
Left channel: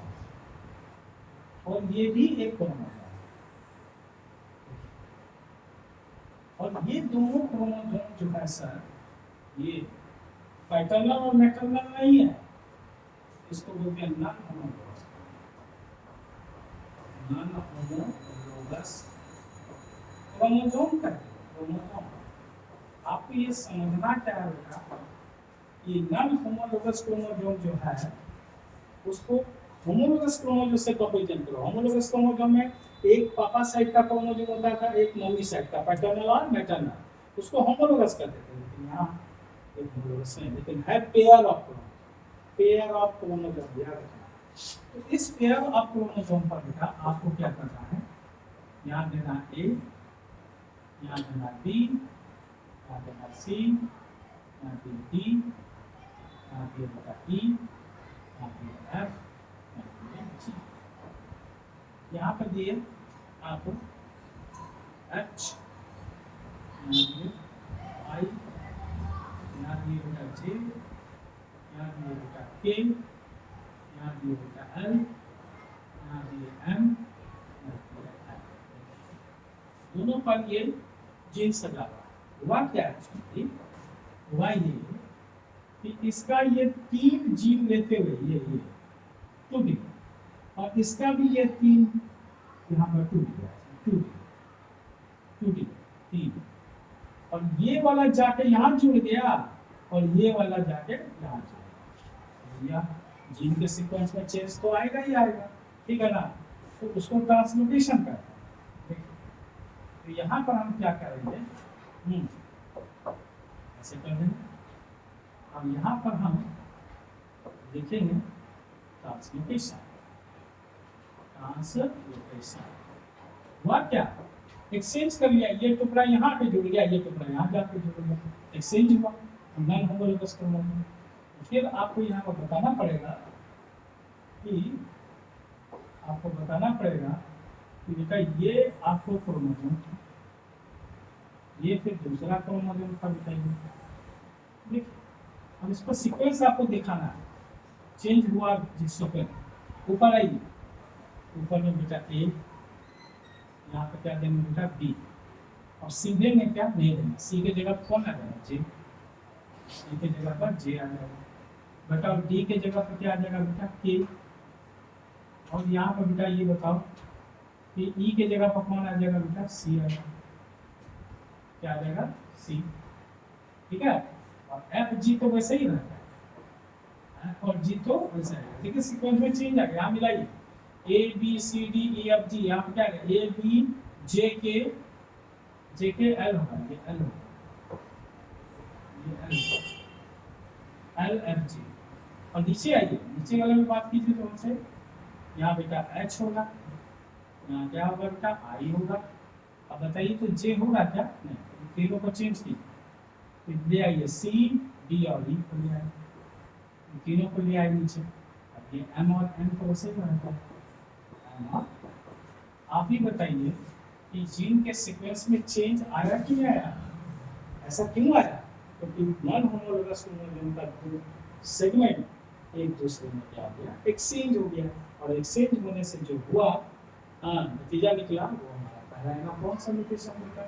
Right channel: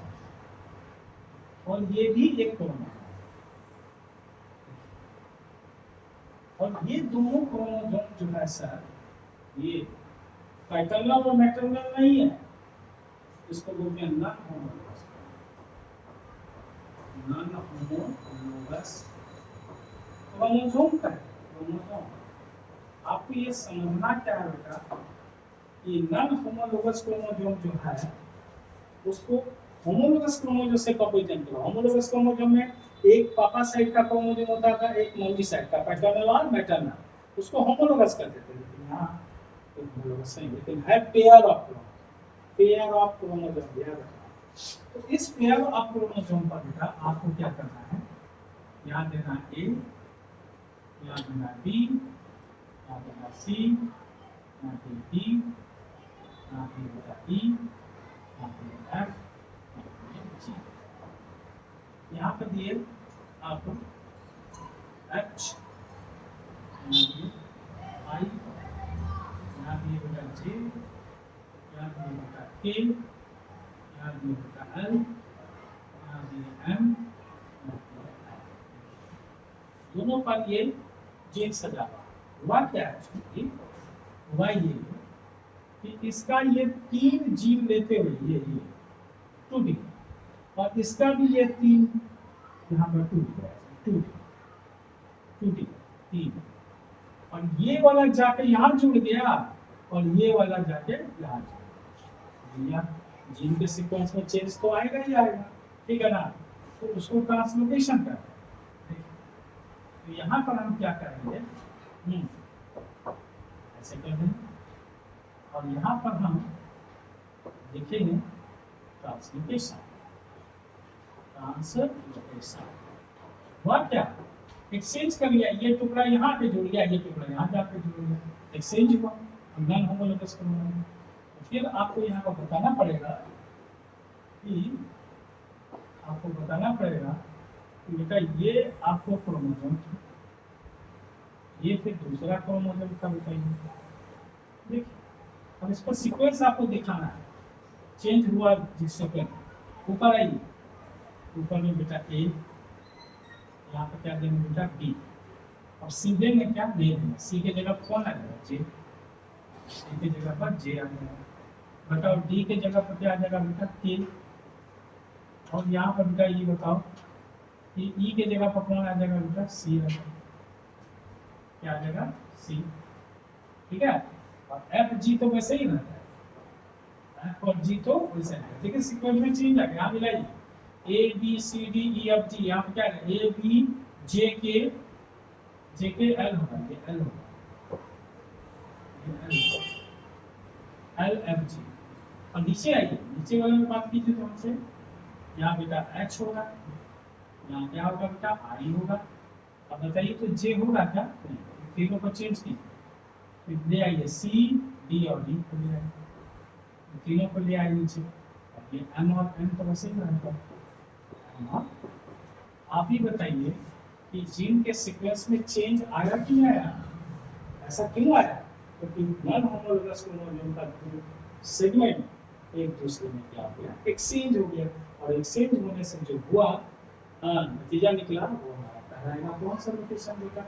और ये भी एक क्रोमोसोम, और ये दोनों क्रोमोसोम जो है सर, ये पैटर्नल और मैटरनल नहीं है, इसको बोलते हैं नॉन होमोलोगस क्रोमोसोम का क्रोमोसोम। आपको ये समझना क्या है बेटा, ये नॉन होमोलोगस क्रोमोसोम जो है उसको होमोलोगस क्रोमोसोम से कब इजेंट करो, होमोलोगस क्रोमोसोम में एक पापा साइड का क्रोमोसोम होता था, एक मम्मी साइड का, पैटर्नल और मैटरनल, उसको होमोलोगस कहते थे। लेकिन यहाँ एक होमोलोगस नहीं, लेकिन है pair of chromosome, pair of chromosome याद रखना। तो इस पेयर ऑफ क्रोमोसोम पर बेटा आपको क्या करना है, यहाँ देना ए, यहाँ देना बी, यहाँ देना सी, यहाँ पे डी, यहाँ पे बेटा ई, यहाँ पे एफ, यहाँ पर दिए आपको एच, आई, यहाँ दिए बेटा जे, यहाँ दिए बेटा के, यहाँ दिए बेटा एल, यहाँ दिए एम, दोनों पर ये जीन सजा हुआ क्या है, हुआ ये कि इसका ये 3 जीन लेते हुए ये 2D, और इसका भी ये 3 यहाँ पर 2D 3, और ये वाला जाके यहाँ जुड़ गया और ये वाला जाके यहाँ जुड़ गया, जीन के सीक्वेंस में चेंज तो आएगा ही आएगा, ठीक है ना। तो उसको ट्रांसलोकेशन करना है। तो यहाँ पर हम क्या करेंगे, ऐसे कर देंगे, और यहाँ पर हम लिखेंगे ट्रांसलोकेशन, ट्रांसलोकेशन हुआ क्या, एक्सचेंज कर लिया, ये टुकड़ा यहाँ पे जुड़ गया, ये टुकड़ा यहाँ जाके जुड़ गया, एक्सचेंज हुआ, नॉन होमोलोगस क्रोमोसोम। तो फिर आपको यहाँ पर बताना पड़ेगा कि बेटा ये आपको क्रोमोसोम, ये फिर दूसरा क्रोमोसोम का बताइए, ठीक। अब इसको सीक्वेंस आपको दिखाना है, चेंज हुआ जिससे पहले ऊपर आइए, ऊपर में बेटा ए, यहाँ पर क्या देंगे बेटा बी, और सीधे में क्या नहीं देंगे, सी के जगह कौन आ जाएगा जे, सी के जगह पर जे आ जाएगा बेटा, और डी के जगह पर क्या आ जाएगा बेटा के, और यहाँ पर बेटा ये बताओ कि ई के जगह पर कौन आ जाएगा बेटा सी आ जाएगा, क्या आ जाएगा सी, ठीक है। और एफ जी तो वैसे ही रहता है, एफ और जी तो वैसे है, लेकिन सीक्वेंस में चेंज आ गया, यहाँ मिलाइए A B C D E F G, यहाँ पर क्या है ए बी जे के एल होगा, ये एल होगा, ये एल एफ जी, और नीचे आइए, नीचे वाले में बात कीजिए तो हमसे, यहाँ बेटा एच होगा, यहाँ क्या होगा बेटा आई होगा। अब बताइए तो जे होगा क्या, नहीं, तीनों को चेंज कीजिए, ले आइए सी डी और ई को ले आइए, तीनों को ले आइए नीचे, अब ये एम और एन तो वैसे ही रहेगा। आप ही बताइए कि जीन के सीक्वेंस में चेंज आया कि नहीं आया, ऐसा क्यों आया, क्योंकि नॉन होमोलोगस क्रोमोसोम का सेगमेंट एक दूसरे में क्या हो गया, एक्सचेंज हो गया, और एक्सचेंज होने से जो हुआ नतीजा निकला वो कहलाएगा कौन सा म्यूटेशन बेटा,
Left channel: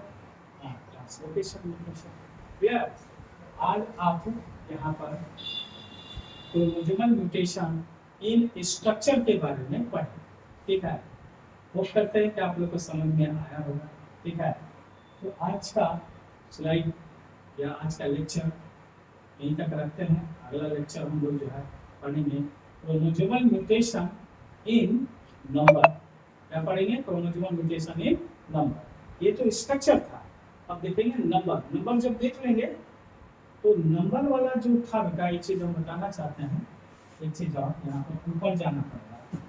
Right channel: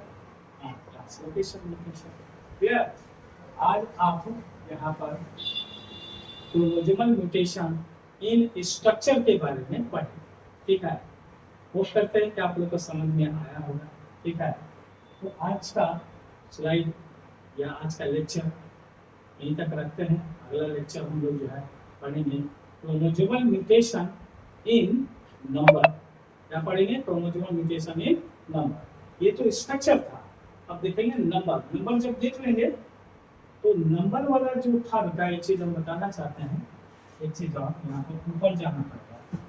ट्रांसलोकेशन म्यूटेशन। क्लियर। आज आप यहाँ पर क्रोमोसोमल म्यूटेशन इन स्ट्रक्चर के बारे में पढ़ें, ठीक है। होप करते हैं कि आप लोग को समझ में आया होगा, ठीक है। तो आज का स्लाइड या आज का लेक्चर यहीं तक रखते हैं, अगला लेक्चर हम लोग जो है पढ़ेंगे क्रोमोसोमल म्यूटेशन इन नंबर, क्या पढ़ेंगे क्रोमोसोमल म्यूटेशन इन नंबर, ये तो स्ट्रक्चर था। अब देखेंगे नंबर जब देख लेंगे तो नंबर वाला जो था बेटा, एक चीज हम बताना चाहते हैं, एक चीज और यहाँ पे ऊपर जाना पड़ेगा,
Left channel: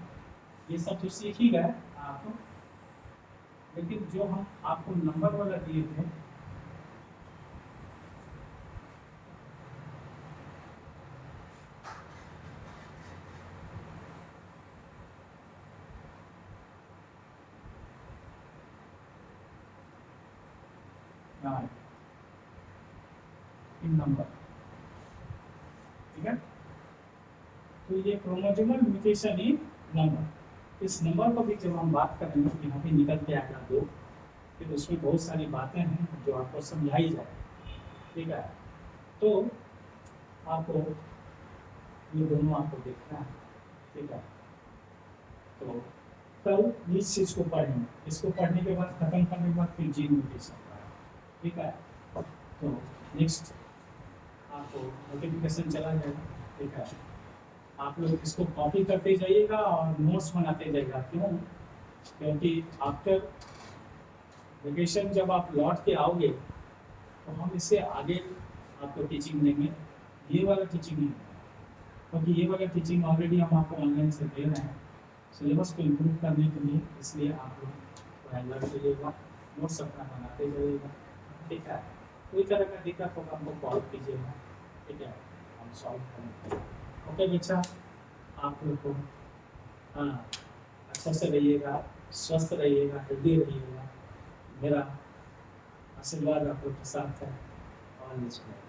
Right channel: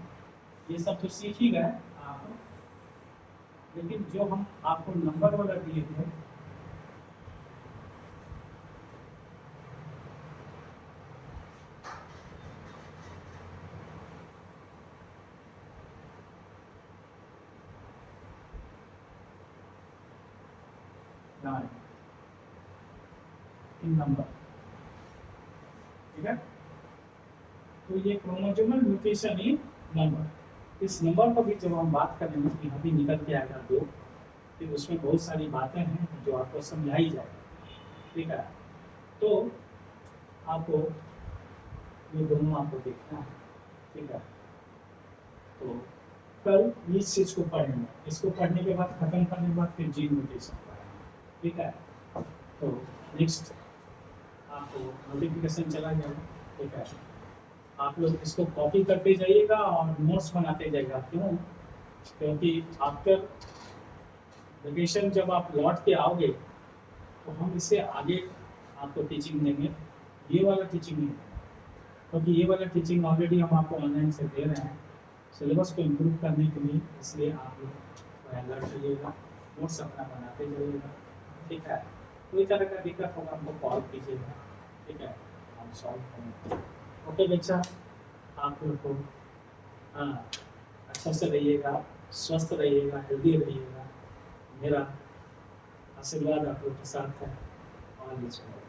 ये सब तो सीख ही गए आप, लेकिन जो हम आपको नंबर वाला दिए थे, इन नंबर, ठीक है। तो ये क्रोमोसोमल म्यूटेशन इन नंबर, इस नंबर को भी जब हम बात करेंगे तो यहाँ भी निकल के आएगा 2, फिर उसमें बहुत सारी बातें हैं जो आपको समझाई जाएगी, ठीक है। तो आपको ये दोनों आपको देखना है, ठीक है। तो कल इस चीज़ को पढ़ेंगे, इसको पढ़ने के बाद खत्म करने के बाद फिर जीन म्यूटेशन पढ़ेंगे, ठीक है। तो नेक्स्ट आपको नोटिफिकेशन चला जाएगा, ठीक है। आप लोग इसको कॉपी करते जाइएगा और नोट्स बनाते जाइएगा। क्यों? क्योंकि आफ्टर वेकेशन जब आप लौट के आओगे तो हम इससे आगे आपको टीचिंग देंगे, ये वाला टीचिंग नहीं, क्योंकि ये वाला टीचिंग ऑलरेडी हम आपको ऑनलाइन से दे रहे हैं सिलेबस को इम्प्रूव करने के लिए। इसलिए आप लोग लर्न करिएगा, नोट्स अपना बनाते जाइएगा, ठीक है। कोई तरह का दिक्कत होगा हमको कॉल कीजिएगा, ठीक है, हम सॉल्व करेंगे। ओके बच्चा, आप लोग को हाँ अच्छा से रहिएगा, स्वस्थ रहिएगा, हेल्दी रहिएगा। मेरा आशीर्वाद आप लोग के साथ है। All is well.